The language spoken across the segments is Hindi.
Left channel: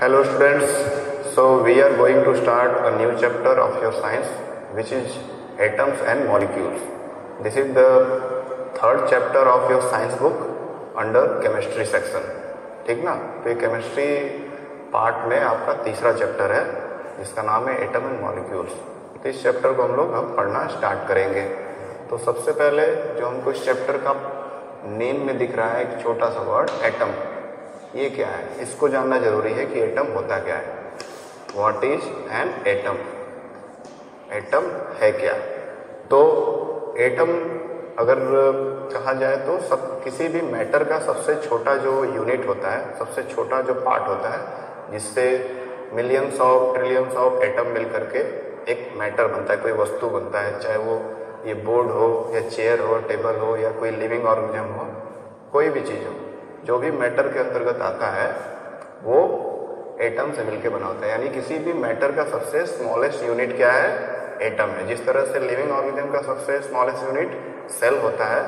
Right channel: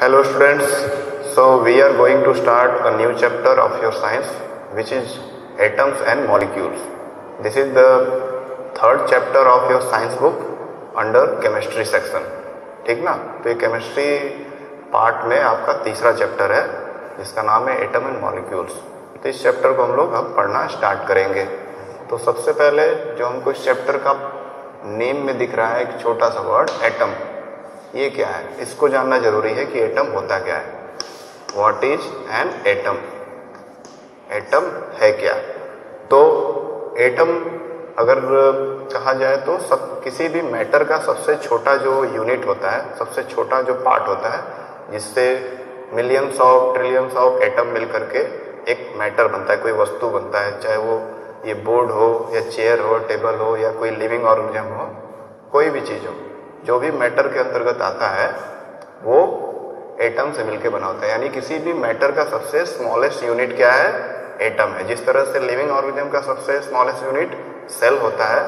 Hello students, so we are going to start a new chapter of your science which is atoms and molecules. This is the third chapter of your science book under chemistry section. ठीक ना? तो ये केमिस्ट्री पार्ट में आपका तीसरा चैप्टर है जिसका नाम है एटम एंड मॉलिक्यूल्स। तो इस चैप्टर को हम लोग अब पढ़ना स्टार्ट करेंगे। तो सबसे पहले जो हमको इस चैप्टर का नेम में दिख रहा है एक छोटा सा वर्ड एटम, ये क्या है इसको जानना जरूरी है कि एटम होता क्या है। What is an atom? Atom है क्या? तो एटम अगर कहा जाए तो किसी भी मैटर का सबसे छोटा जो यूनिट होता है, सबसे छोटा जो पार्ट होता है जिससे millions of trillions of atom मिल करके एक मैटर बनता है, कोई वस्तु बनता है, चाहे वो ये बोर्ड हो या चेयर हो, टेबल हो या कोई लिविंग ऑर्गेनिज्म हो, कोई भी चीज़ हो, जो भी मैटर के अंतर्गत आता है वो एटम से मिलकर बना होता है। यानी किसी भी मैटर का सबसे स्मॉलेस्ट यूनिट क्या है? एटम है। जिस तरह से लिविंग ऑर्गेनिज्म का सबसे स्मॉलेस्ट यूनिट सेल होता है,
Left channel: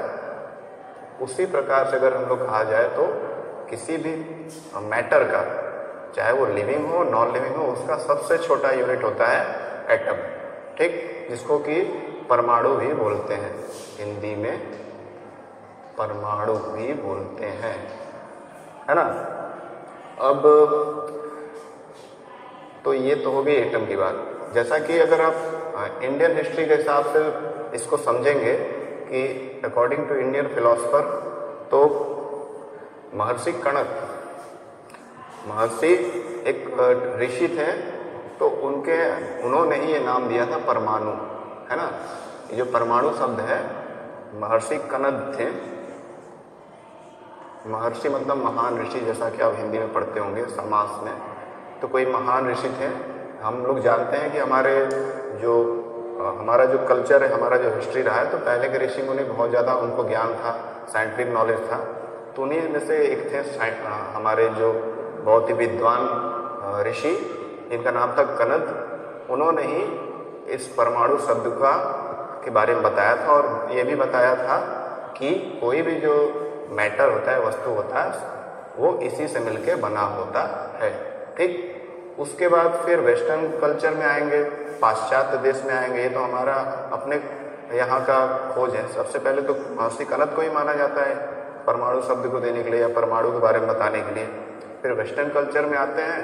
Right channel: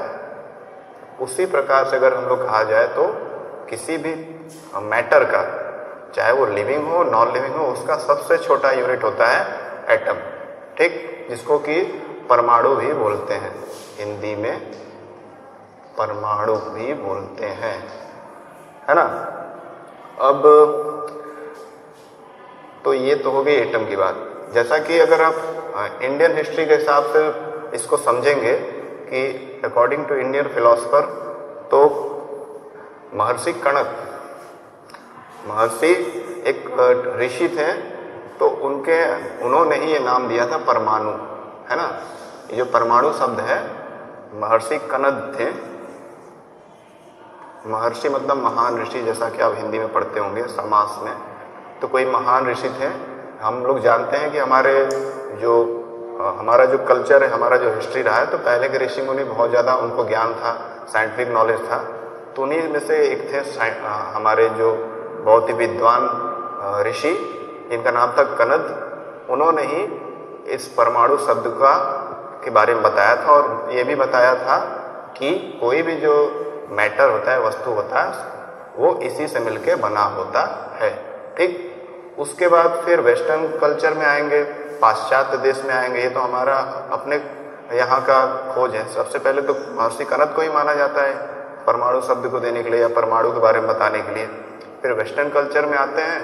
उसी प्रकार से अगर हम लोग कहा जाए तो किसी भी मैटर का, चाहे वो लिविंग हो नॉन लिविंग हो, उसका सबसे छोटा यूनिट होता है एटम। ठीक, जिसको कि परमाणु भी बोलते हैं, हिंदी में परमाणु भी बोलते हैं, है ना। अब तो ये तो हो गई एटम की बात। जैसा कि अगर आप इंडियन हिस्ट्री के हिसाब से इसको समझेंगे कि अकॉर्डिंग टू इंडियन फिलोसफर, तो महर्षि कणक, महर्षि एक ऋषि थे, तो उन्होंने ही ये नाम दिया था परमाणु, है ना। जो परमाणु शब्द है महर्षि कणद थे। महर्षि मतलब महान ऋषि, जैसा कि आप हिंदी में पढ़ते होंगे समास में। तो कोई महान ऋषि थे। हम लोग जानते हैं कि हमारा जो कल्चर है, हमारा जो हिस्ट्री रहा है, तो पहले के ऋषि मुनि बहुत ज़्यादा उनको ज्ञान था, साइंटिफिक नॉलेज था। तो उन्हीं में से एक थे हमारे जो बहुत ही विद्वान ऋषि, जिनका नाम था कणद। उन्होंने ही इस परमाणु शब्द के बारे में बताया था और ये भी बताया था कि कोई भी जो मैटर होता है, वस्तु होता है, वो इसी से मिलके बना होता है। ठीक, उसके बाद फिर वेस्टर्न कल्चर में आएंगे, पाश्चात्य देश में आएंगे। ये तो हमारा अपने यहाँ का खोज है। सबसे पहले तो महर्षि कणद को ही माना जाता है परमाणु शब्द को देने के लिए या परमाणु के बारे में बताने के लिए। फिर वेस्टर्न कल्चर में आते हैं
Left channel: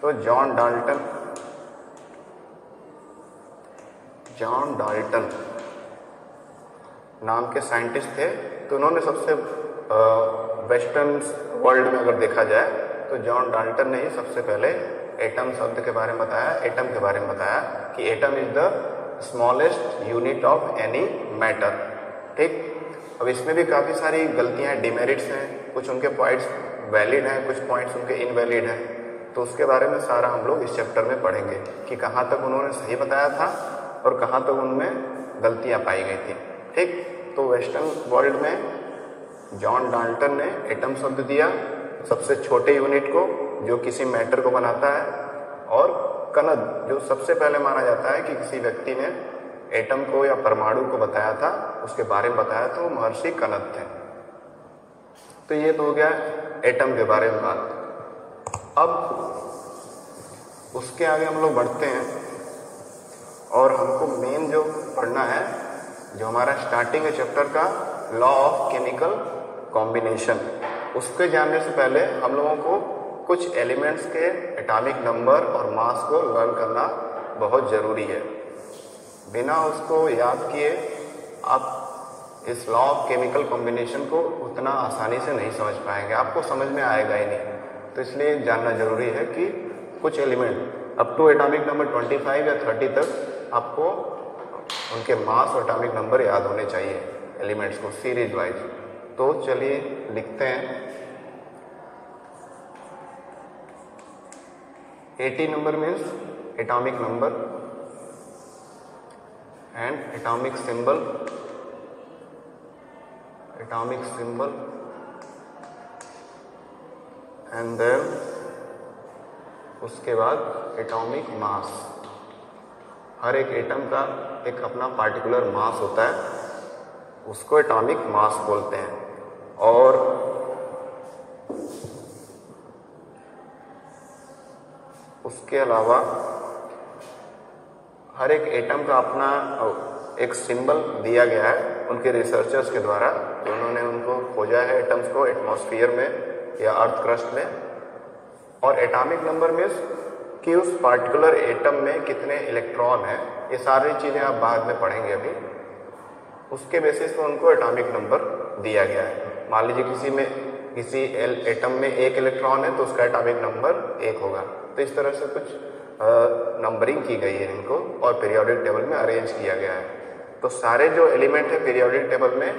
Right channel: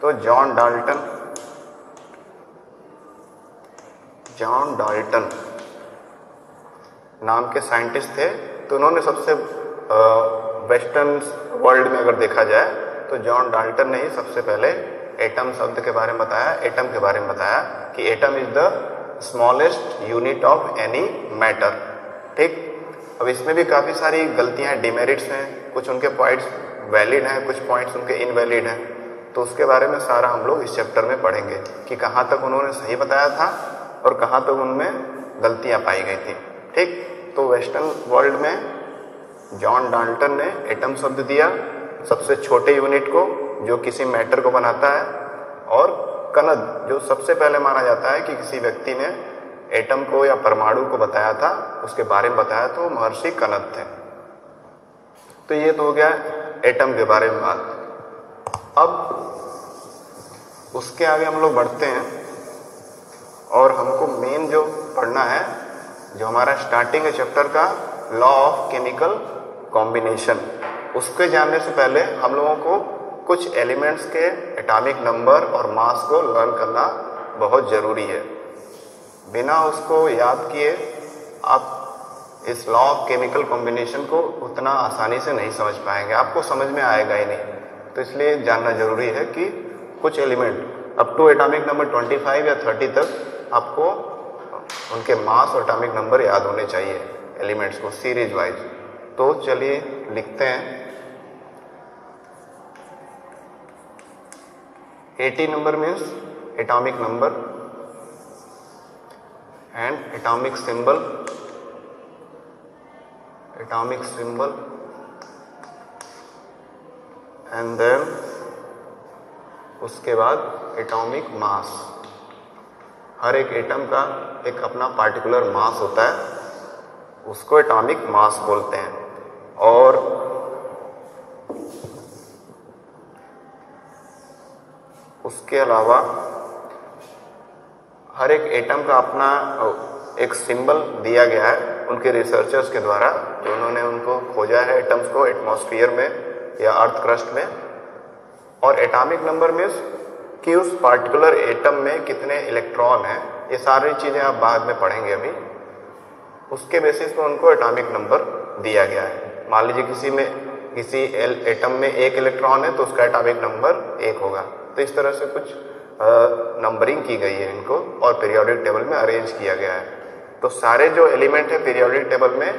तो जॉन डाल्टन नाम के साइंटिस्ट थे। तो उन्होंने सबसे वेस्टर्न वर्ल्ड में अगर देखा जाए तो जॉन डाल्टन ने ही सबसे पहले एटम शब्द के बारे में बताया, एटम के बारे में बताया कि atom is the smallest unit of any matter. ठीक, अब इसमें भी काफ़ी सारी गलतियां हैं, डिमेरिट्स हैं, कुछ उनके पॉइंट्स वैलिड हैं, कुछ पॉइंट्स उनके इनवैलिड हैं। तो उसके बारे में सारा हम लोग इस चैप्टर में पढ़ेंगे कि कहाँ तक उन्होंने सही बताया था और कहाँ तक उनमें गलतियाँ पाई गई थी। ठीक, तो वेस्टर्न वर्ल्ड में जॉन डाल्टन ने एटम शब्द दिया सबसे छोटे यूनिट को जो किसी मैटर को बनाता है, और कणद जो सबसे पहले माना जाता है कि किसी व्यक्ति ने एटम को या परमाणु को बताया था, उसके बारे में बताया, तो महर्षि कणद थे। तो ये तो हो गया एटम के बारे में बात। अब उसके आगे हम लोग बढ़ते हैं और हमको मेन जो पढ़ना है, जो हमारा स्टार्टिंग है चैप्टर का, लॉ ऑफ केमिकल कॉम्बिनेशन। उसके जानने से पहले हम लोगों को कुछ एलिमेंट्स के एटॉमिक नंबर और मास को लर्न करना बहुत ज़रूरी है। बिना उसको याद किए आप इस लॉ ऑफ केमिकल कॉम्बिनेशन को उतना आसानी से नहीं समझ पाएंगे, आपको समझ में आएगा ही नहीं। तो इसलिए जानना ज़रूरी है कि कुछ element up to atomic number 25 या 30 तक आपको उनके मास और एटॉमिक नंबर याद होने चाहिए, एलिमेंट्स को सीरीज वाइज। तो चलिए लिखते हैं। 80 number means atomic number and atomic symbol and then उसके बाद एटॉमिक मास। हर एक एटम का एक अपना पार्टिकुलर मास होता है, उसको एटॉमिक मास बोलते हैं। और उसके अलावा हर एक एटम का अपना एक सिंबल दिया गया है उनके रिसर्चर्स के द्वारा, जो उन्होंने उनको खोजा है एटम्स को एटमॉस्फेयर में या अर्थ क्रस्ट में। और एटॉमिक नंबर मीन्स कि उस पार्टिकुलर एटम में कितने इलेक्ट्रॉन हैं, ये सारी चीज़ें आप बाद में पढ़ेंगे अभी। उसके बेसिस पे उनको एटॉमिक नंबर दिया गया है। मान लीजिए किसी एटम में 1 इलेक्ट्रॉन है तो उसका एटॉमिक नंबर 1 होगा। तो इस तरह से कुछ नंबरिंग की गई है इनको और पीरियोडिक टेबल में अरेंज किया गया है। तो सारे जो एलिमेंट है पीरियोडिक टेबल में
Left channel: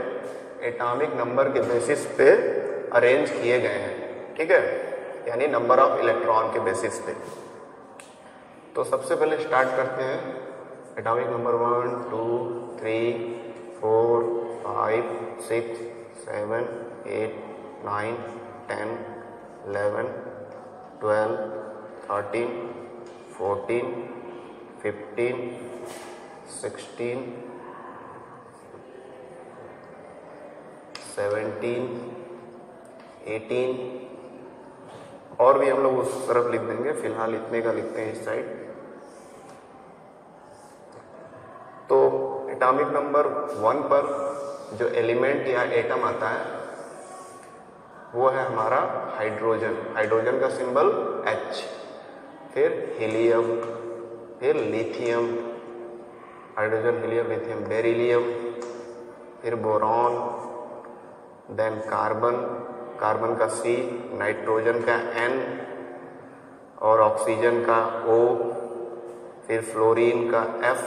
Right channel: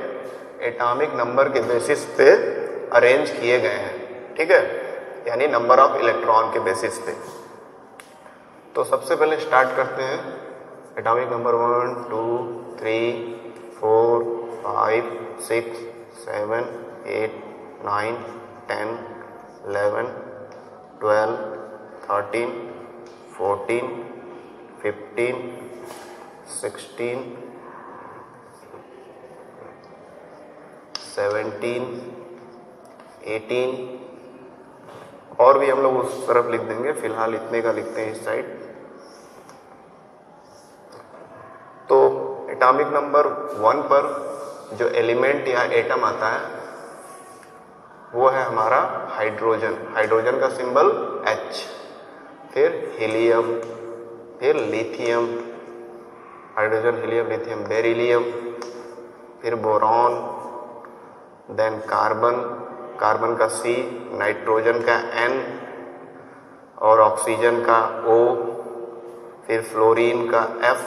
एटॉमिक नंबर के बेसिस पे अरेंज किए गए हैं, ठीक है, यानी नंबर ऑफ इलेक्ट्रॉन के बेसिस पे। तो सबसे पहले स्टार्ट करते हैं एटॉमिक नंबर 1 2 3 4 5 6 7 8 9 10 11 12 13 14 15 16 17 18 और भी हम लोग उस तरफ लिख देंगे, फिलहाल इतने का लिखते हैं इस साइड। तो एटॉमिक नंबर 1 पर जो एलिमेंट या एटम आता है वो है हमारा हाइड्रोजन। हाइड्रोजन का सिंबल H, फिर हीलियम, फिर lithium, hydrogen helium lithium beryllium, फिर बोरॉन, देन कार्बन, कार्बन का C, नाइट्रोजन का N और ऑक्सीजन का O, फिर फ्लोरीन का F,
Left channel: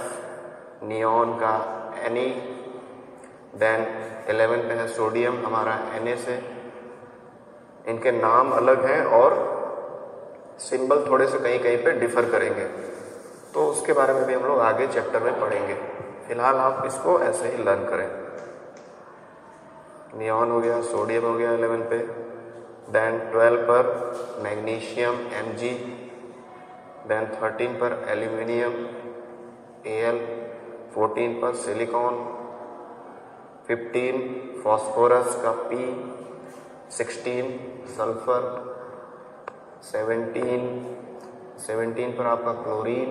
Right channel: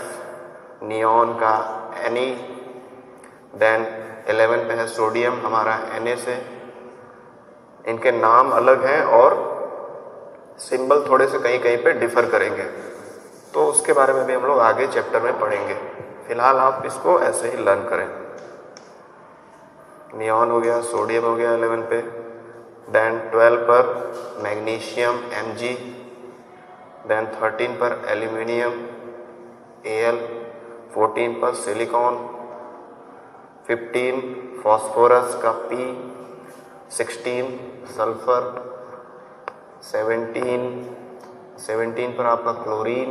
नियॉन का Ne, देन 11 पे है सोडियम हमारा Na से। इनके नाम अलग हैं और सिंबल थोड़े से कहीं कहीं पे डिफर करेंगे, तो उसके बारे में भी हम लोग आगे चैप्टर में पढ़ेंगे। फिलहाल आप इसको ऐसे ही लर्न करें। नियॉन हो गया, सोडियम हो गया 11 पे, देन 12 पर मैग्नीशियम Mg, देन 13 पर एल्यूमिनियम Al, 14 पर सिलिकॉन, 15 फास्फोरस का P, 16 सल्फर, 17 पर आपका क्लोरीन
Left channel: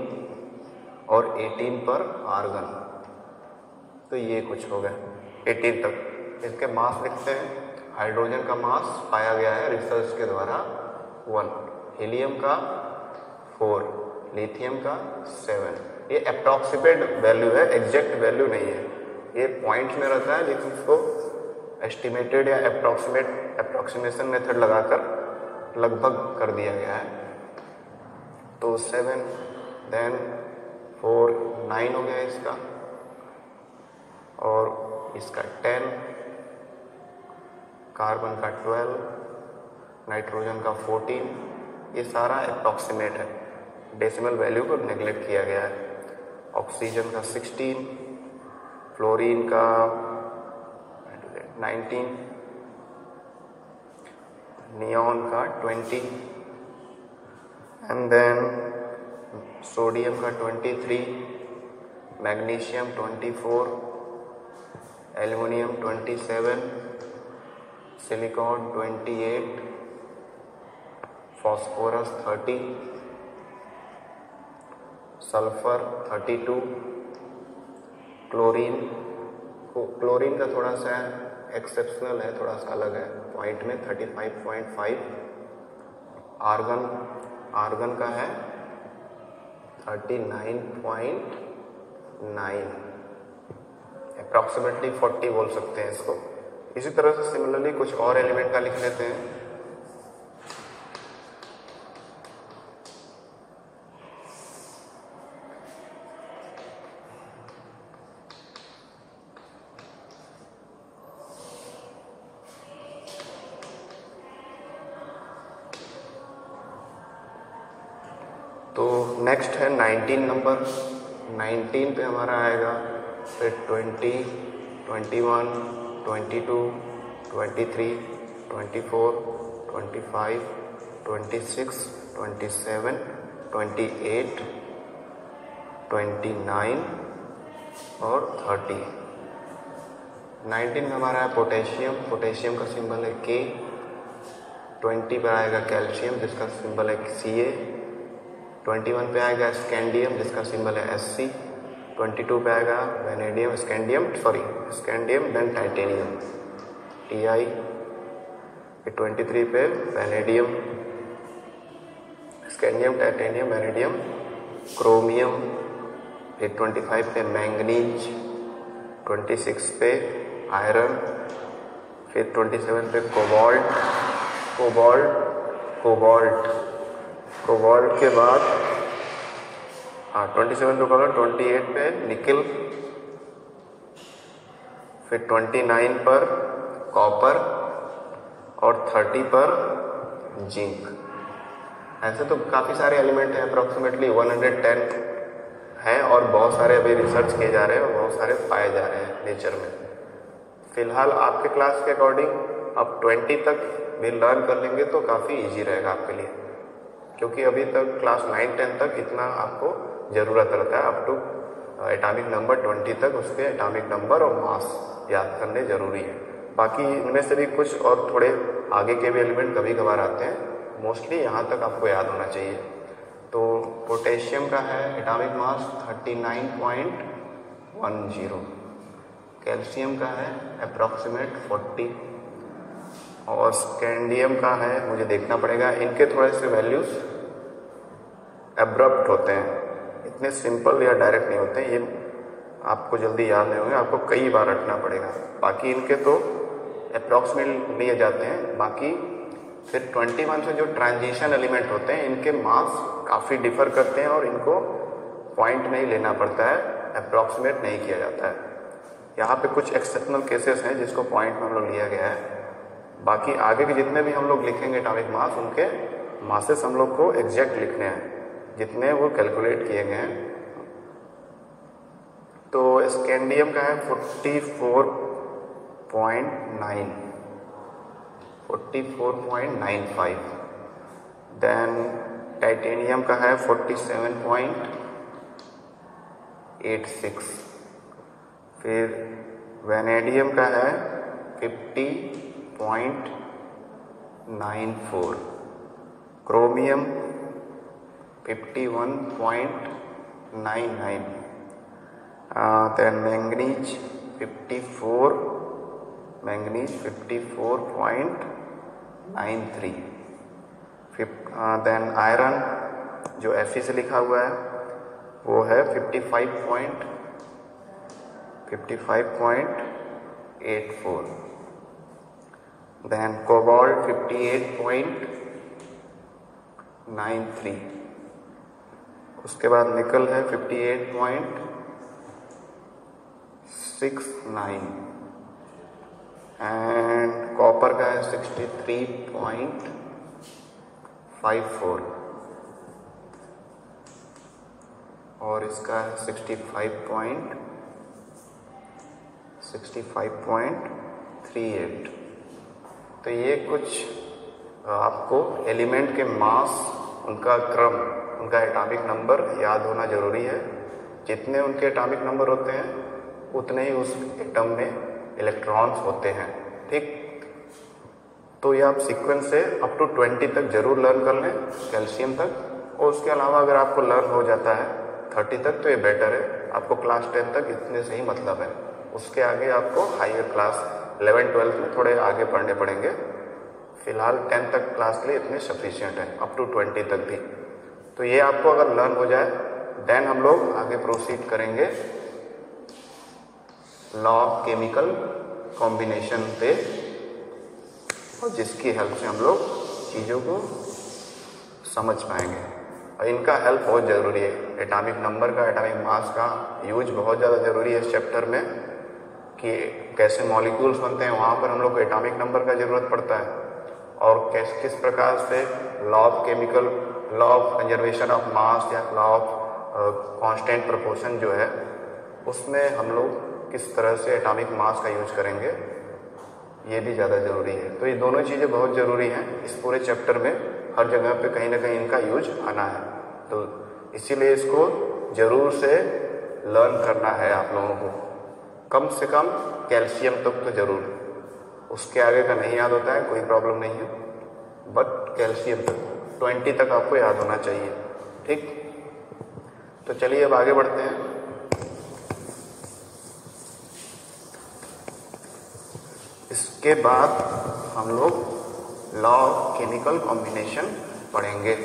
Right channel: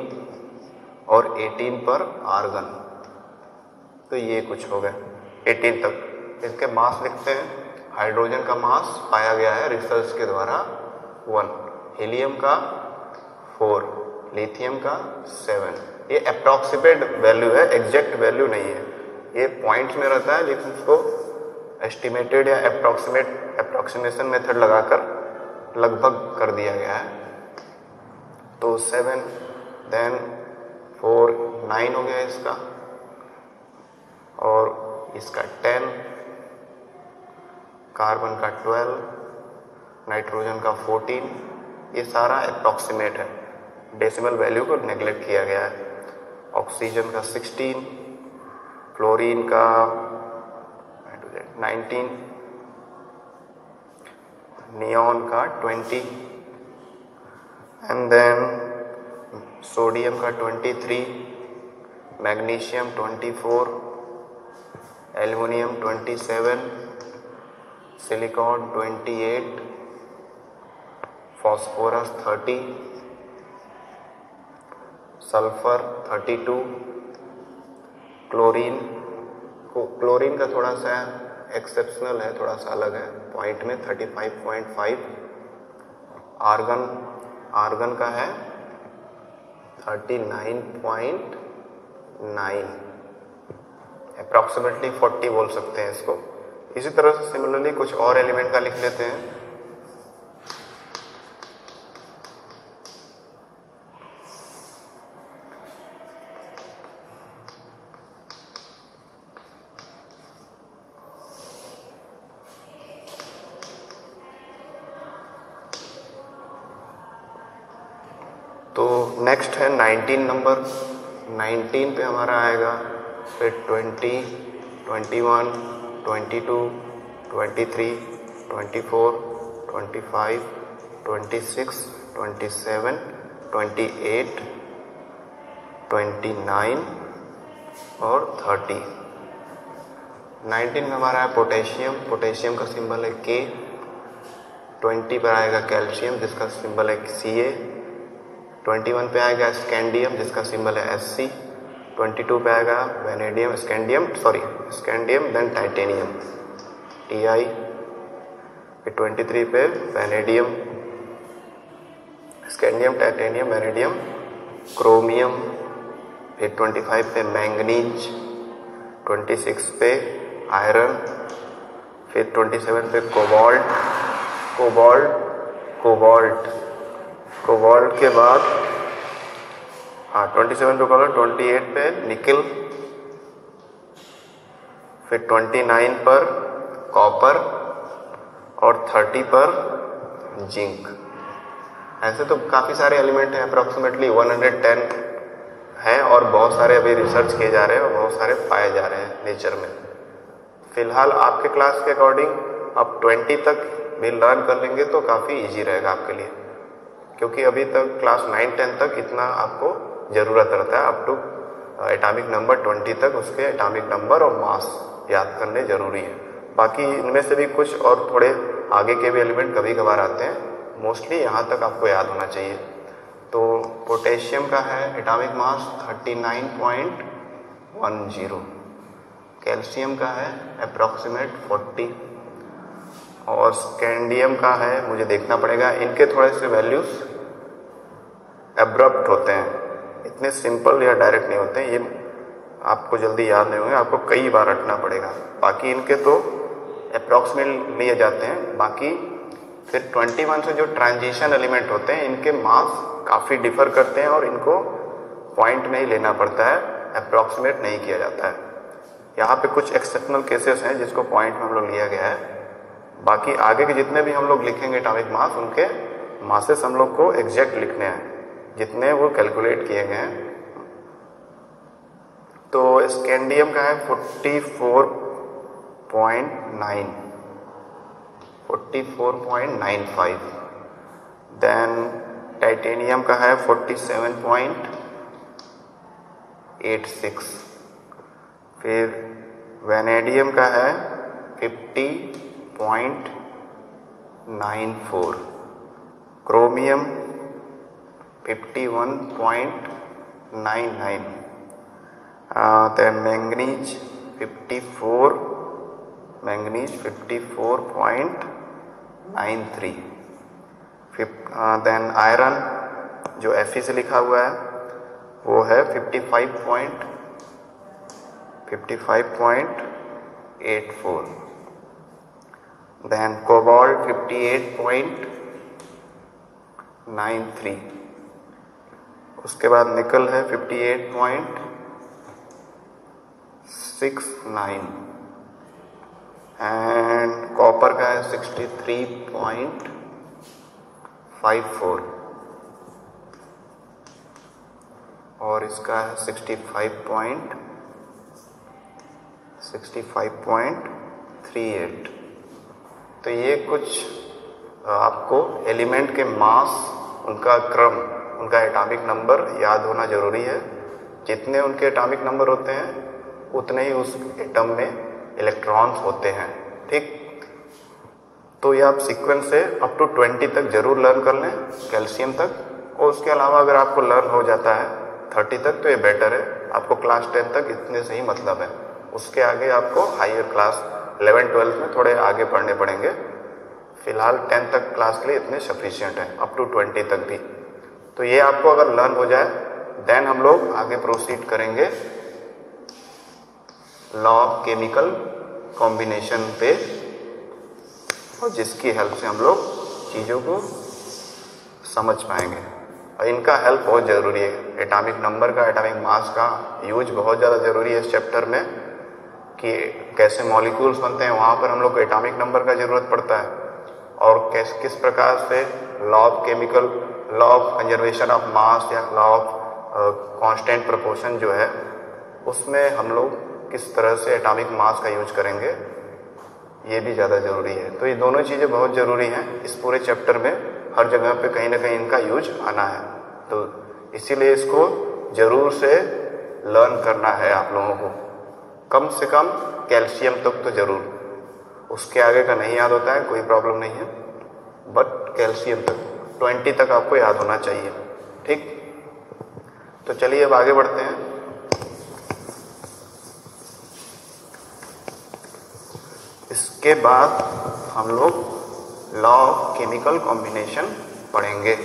और 18 पर आर्गन। तो ये कुछ हो गए 18 तक। इसके मास लिखते हैं। हाइड्रोजन का मास पाया गया है रिसर्च के द्वारा 1, हीलियम का 4, लिथियम का 7। ये अप्रॉक्सीमेट वैल्यू है, एग्जैक्ट वैल्यू नहीं है, ये पॉइंट्स में रहता है, लेकिन इसको एस्टिमेटेड या अप्रॉक्सीमेशन मेथड लगाकर लगभग कर दिया गया है। तो 7, देन 4 9 हो गया इसका, और इसका 10, कार्बन का 12, नाइट्रोजन का 14। ये सारा अप्रॉक्सीमेट है, डेसिमल वैल्यू को नेग्लेक्ट किया गया है। ऑक्सीजन का 16, फ्लोरीन का 19, नियॉन का 20, एंड देन सोडियम का 23, magnesium 24, aluminium 27, silicon 28, phosphorus 30, sulphur 32, chlorine का थोड़ा सा एक्सेप्शनल है, थोड़ा सा अलग है पॉइंट में 35.5। आर्गन का है 39.9, अप्रॉक्सीमेटली 40 बोल सकते हैं इसको। इसी तरह से सिमिलरली कुछ और एलिमेंट का लिख लेते हैं। तो नेक्स्ट है 19 नंबर। 19 पे हमारा आएगा फिर 20, 21, 22, 23, 24, 25, 26, 27, 28, 29 और 30। 19 में हमारा है पोटेशियम का सिंबल है K। 20 पर आएगा कैल्शियम जिसका सिंबल है Ca। 21 पे आएगा स्कैंडियम जिसका सिंबल है Sc। 22 पे आएगा vanadium scandium then titanium Ti। फिर 23 पे vanadium scandium titanium vanadium chromium. फिर 25 पे मैंगनीज, 26 पे आयरन। फिर 27 पे कोबाल्ट के बाद 27 पे कोबाल्ट, 28 पे निकल। फिर 29 पर कॉपर और 30 पर जिंक। ऐसे तो काफ़ी सारे एलिमेंट हैं, अप्रॉक्सीमेटली 110 हैं और बहुत सारे अभी रिसर्च किए जा रहे हैं और बहुत सारे पाए जा रहे हैं नेचर में। फिलहाल आपके क्लास के अकॉर्डिंग आप 20 तक भी लर्न कर लेंगे तो काफ़ी इजी रहेगा आपके लिए, क्योंकि अभी तक क्लास 9-10 तक इतना आपको ज़रूरत रहता है। अप टू एटॉमिक नंबर 20 तक उसके एटॉमिक नंबर और मास याद करने ज़रूरी है। बाकी इनमें से भी कुछ और थोड़े आगे के भी एलिमेंट कभी कभार आते हैं, मोस्टली यहाँ तक आपको याद होना चाहिए। तो पोटेशियम का है एटॉमिक मास 39.10, कैल्शियम का है अप्रॉक्सीमेट 40 और स्कैंडियम का है, मुझे देखना पड़ेगा, इनके थोड़े से वैल्यूज एब्रप्ट होते हैं, इतने सिंपल या डायरेक्ट नहीं होते हैं, ये आपको जल्दी याद नहीं होंगे, आपको कई बार रखना पड़ेगा। बाकी इनके तो अप्रॉक्सीमेट लिए जाते हैं। बाकी फिर 21 से जो ट्रांजिशन एलिमेंट होते हैं इनके मास काफ़ी डिफर करते हैं और इनको पॉइंट में ही लेना पड़ता है, अप्रॉक्सीमेट नहीं किया जाता है। यहाँ पे कुछ एक्सेप्शनल केसेस हैं जिसको पॉइंट में हम लोग लिया गया है। बाकी आगे के जितने भी हम लोग लिखेंगे एटॉमिक मास, उनके मासेस हम लोग को एग्जैक्ट लिखने हैं जितने वो कैलकुलेट किए गए हैं। तो स्कैंडियम का है 44.95, देन टाइटेनियम का है 47.86, फिर वेनेडियम का है 50.94, chromium 51.99, then manganese 54.93, then iron जो Fe से लिखा हुआ है वो है 55.84, देन कोबाल्ट 58.93, उसके बाद निकल है 58.69 एंड कॉपर का है 63.54 और इसका है 65.38। तो ये कुछ आपको एलिमेंट के मास, उनका क्रम, उनका एटॉमिक नंबर याद होना ज़रूरी है। जितने उनके एटॉमिक नंबर होते हैं उतने ही उस एटम में इलेक्ट्रॉन्स होते हैं, ठीक। तो ये आप सीक्वेंस से अप टू 20 तक जरूर लर्न कर लें, कैल्शियम तक। और उसके अलावा अगर आपको लर्न हो जाता है 30 तक तो ये बेटर है, आपको क्लास 10 तक इतने से ही मतलब है। उसके आगे आपको हायर क्लास 11-12 में थोड़े आगे पढ़ने पड़ेंगे। फिलहाल 10 तक क्लास के लिए इतने सफिशिएंट है, अप टू 20 तक भी। तो ये आपको अगर लर्न हो जाए देन हम लोग आगे प्रोसीड करेंगे लॉ ऑफ केमिकल कॉम्बिनेशन पे, और जिसकी हेल्प से हम लोग चीज़ों को समझ पाएंगे। और इनका हेल्प बहुत ज़रूरी है, एटॉमिक नंबर का, एटॉमिक मास का यूज बहुत ज़्यादा ज़रूरी है इस चैप्टर में, कि कैसे मॉलिक्यूल्स बनते हैं, वहाँ पर हम लोग को एटॉमिक नंबर का ज़रूरत पड़ता है। और किस प्रकार से law of chemical, law of conservation of मास या लॉ ऑफ कांस्टेंट प्रोपोर्शन जो है, उसमें हम लोग किस तरह से एटॉमिक मास का यूज करेंगे, ये भी ज़्यादा ज़रूरी है। तो ये दोनों चीज़ें बहुत ज़रूरी हैं इस पूरे चैप्टर में, हर जगह पे कहीं ना कहीं इनका यूज आना है। तो इसीलिए इसको ज़रूर से लर्न करना है आप लोगों को, कम से कम कैल्शियम तक तो ज़रूर, उसके आगे का नहीं याद होता है कोई प्रॉब्लम नहीं है, बट कैल्शियम तक 20 तक आपको याद होना चाहिए। ठीक, तो चलिए अब आगे बढ़ते हैं। इसके बाद हम लोग लॉ ऑफ केमिकल कॉम्बिनेशन पढ़ेंगे।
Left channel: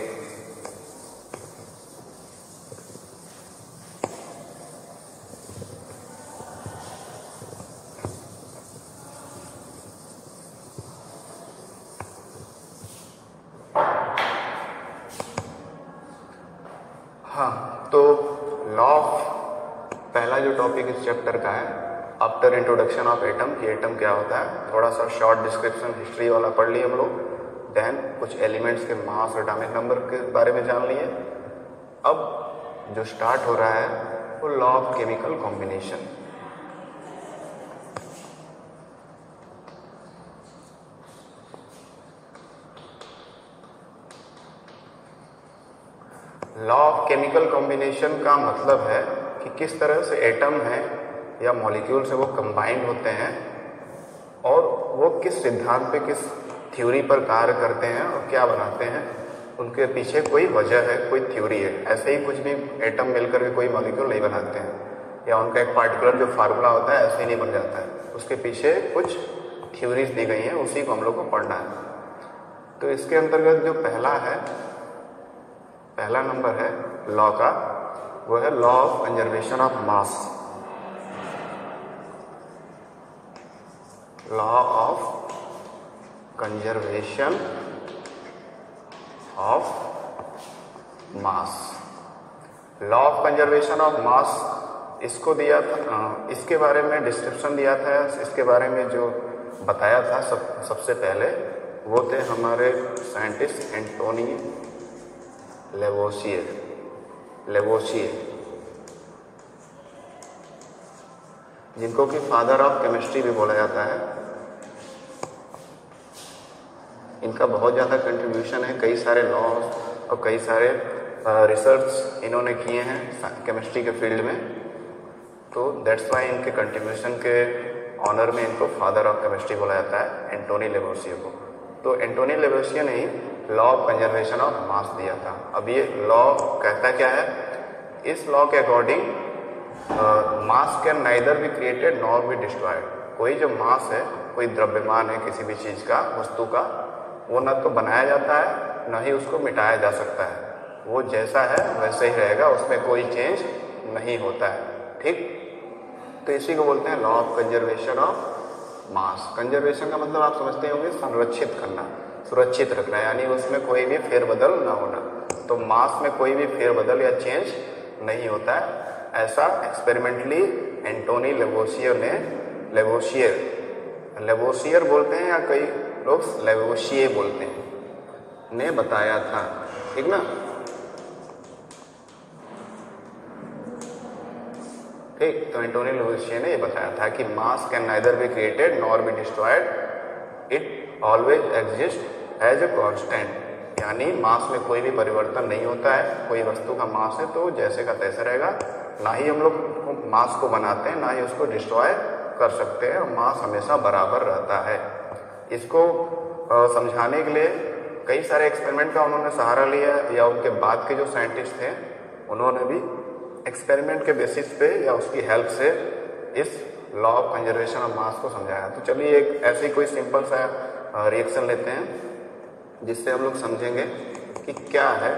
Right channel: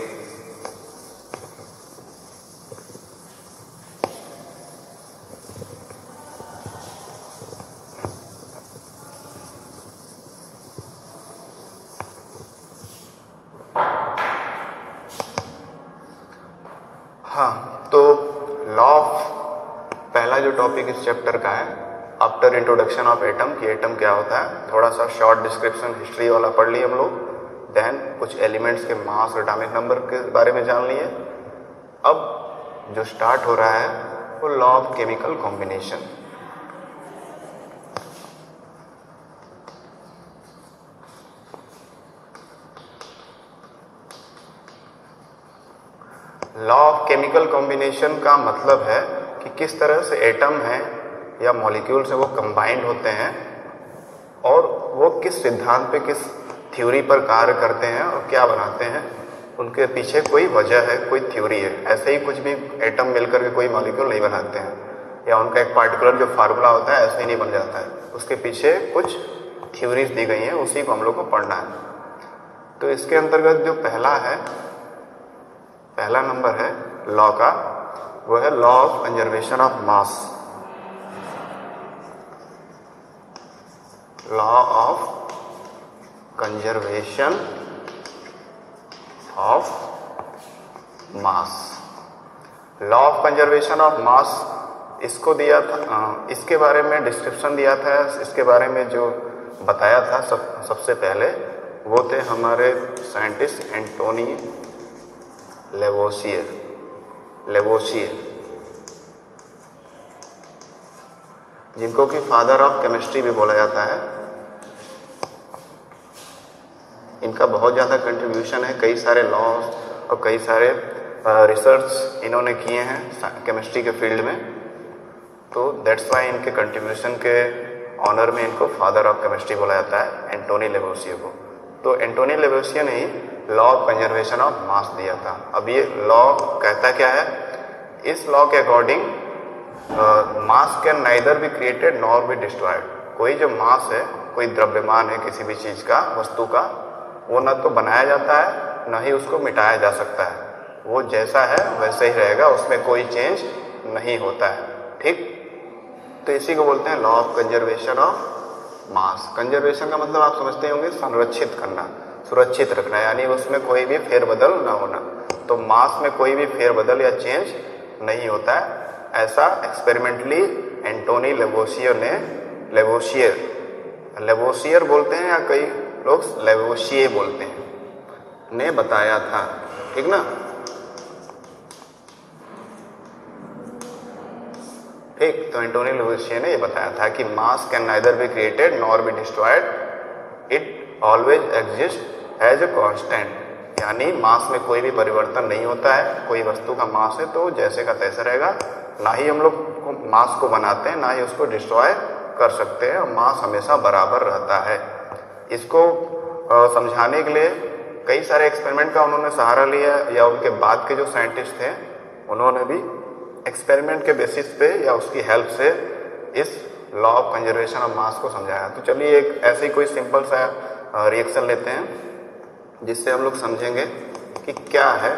हाँ, तो लॉ ऑफ पहला जो टॉपिक इस चैप्टर का है, आफ्टर इंट्रोडक्शन ऑफ एटम, कि एटम क्या होता है, थोड़ा सा शॉर्ट डिस्क्रिप्शन हिस्ट्री वाला पढ़ लिए हम लोग। देन कुछ एलिमेंट्स के मास और एटॉमिक नंबर के बारे में जान लिए। अब जो स्टार्ट हो रहा है वो law of chemical combination. Law of chemical combination का मतलब है कि किस तरह से एटम है या मॉलिक्यूल्स है वो कंबाइंड होते हैं और वो किस सिद्धांत पे, किस थ्योरी पर कार्य करते हैं और क्या बनाते हैं। उनके पीछे कोई वजह है, कोई थ्योरी है। ऐसे ही कुछ भी एटम मिलकर के कोई मॉलिक्यूल नहीं बनाते हैं या उनका एक पार्टिकुलर जो फार्मूला होता है ऐसे ही नहीं बन जाता है। उसके पीछे कुछ थ्योरीज दी गई हैं, उसी को हम लोग को पढ़ना है। तो इसके अंतर्गत जो पहला नंबर है लॉ का, वो है law of conservation of mass. Law of conservation of mass. Law of conservation of मास इसको दिया था, इसके बारे में डिस्क्रिप्शन दिया था, इसके बारे में जो बताया था सबसे पहले वो थे हमारे साइंटिस्ट एंटोनी लेवोसियर, जिनको कि फादर ऑफ केमिस्ट्री भी बोला जाता है। इनका बहुत ज़्यादा कंट्रीब्यूशन है, कई सारे लॉज और कई सारे रिसर्च इन्होंने किए हैं केमिस्ट्री के फील्ड में। तो दैट्स वाई इनके कंट्रीब्यूशन के ऑनर में इनको फादर ऑफ केमिस्ट्री बोला जाता है, एंटोनी लेवोसियर को। तो एंटोनी लेवोसियर ने ही law of conservation of mass दिया था। अब ये लॉ कहता क्या है, इस लॉ के according mass can neither be created nor be destroyed. कोई जो मास है, कोई द्रव्यमान है किसी भी चीज़ का, वस्तु का, वो ना तो बनाया जाता है ना ही उसको मिटाया जा सकता है। वो जैसा है वैसे ही रहेगा, उसमें कोई चेंज नहीं होता है। ठीक, तो इसी को बोलते हैं law of conservation of mass. Conservation का मतलब आप समझते होंगे संरक्षित करना, सुरक्षित रखना, यानी उसमें कोई भी फेरबदल ना होना। तो मास में कोई भी फेरबदल या चेंज नहीं होता है। ऐसा एक्सपेरिमेंटली एंटोनी लेवोसियर बोलते हैं या कई लोग लेवोसिए बोलते हैं, ने बताया था। ठीक ना, ठीक। तो एंटोनी लेवोसियर ने ये बताया था कि mass can neither be created nor be destroyed, it always exist as a constant. यानी मास में कोई भी परिवर्तन नहीं होता है। कोई वस्तु का मास है तो जैसे का तैसे रहेगा, ना ही हम लोग मास को बनाते हैं ना ही उसको डिस्ट्रॉय कर सकते हैं। मास हमेशा बराबर रहता है। इसको समझाने के लिए कई सारे एक्सपेरिमेंट का उन्होंने सहारा लिया, या उनके बाद के जो साइंटिस्ट थे उन्होंने भी एक्सपेरिमेंट के बेसिस पे या उसकी हेल्प से इस लॉ ऑफ कंजर्वेशन ऑफ मास को समझाया। तो चलिए एक ऐसे कोई सिंपल सा रिएक्शन लेते हैं जिससे हम लोग समझेंगे कि क्या है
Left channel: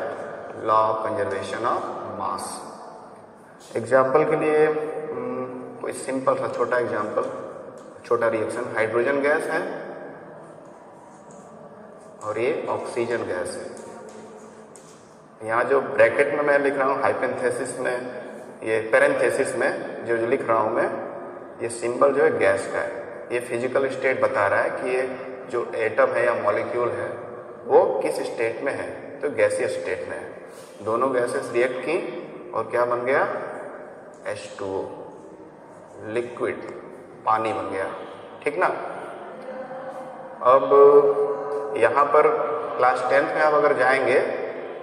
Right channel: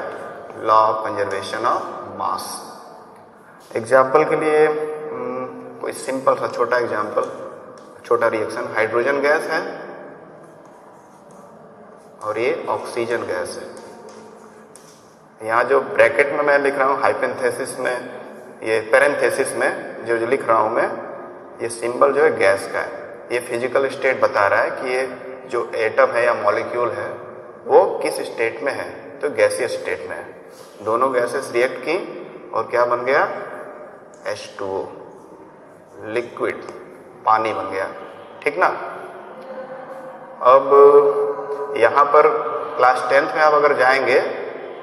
law of conservation of mass. Example के लिए कोई सिंपल सा छोटा एग्जाम्पल, छोटा रिएक्शन। हाइड्रोजन गैस है और ये ऑक्सीजन गैस है। यहाँ जो ब्रैकेट में मैं लिख रहा हूँ, हाइपेंथेसिस में, ये पैरेंथेसिस में जो लिख रहा हूँ मैं, ये सिंबल जो है गैस का है। ये फिजिकल स्टेट बता रहा है कि ये जो एटम है या मॉलिक्यूल है वो किस स्टेट में है, तो गैसीय स्टेट में है। दोनों गैसेस रिएक्ट की और क्या बन गया, H2O, लिक्विड, पानी बन गया। ठीक ना। अब यहाँ पर क्लास 10th में आप अगर जाएंगे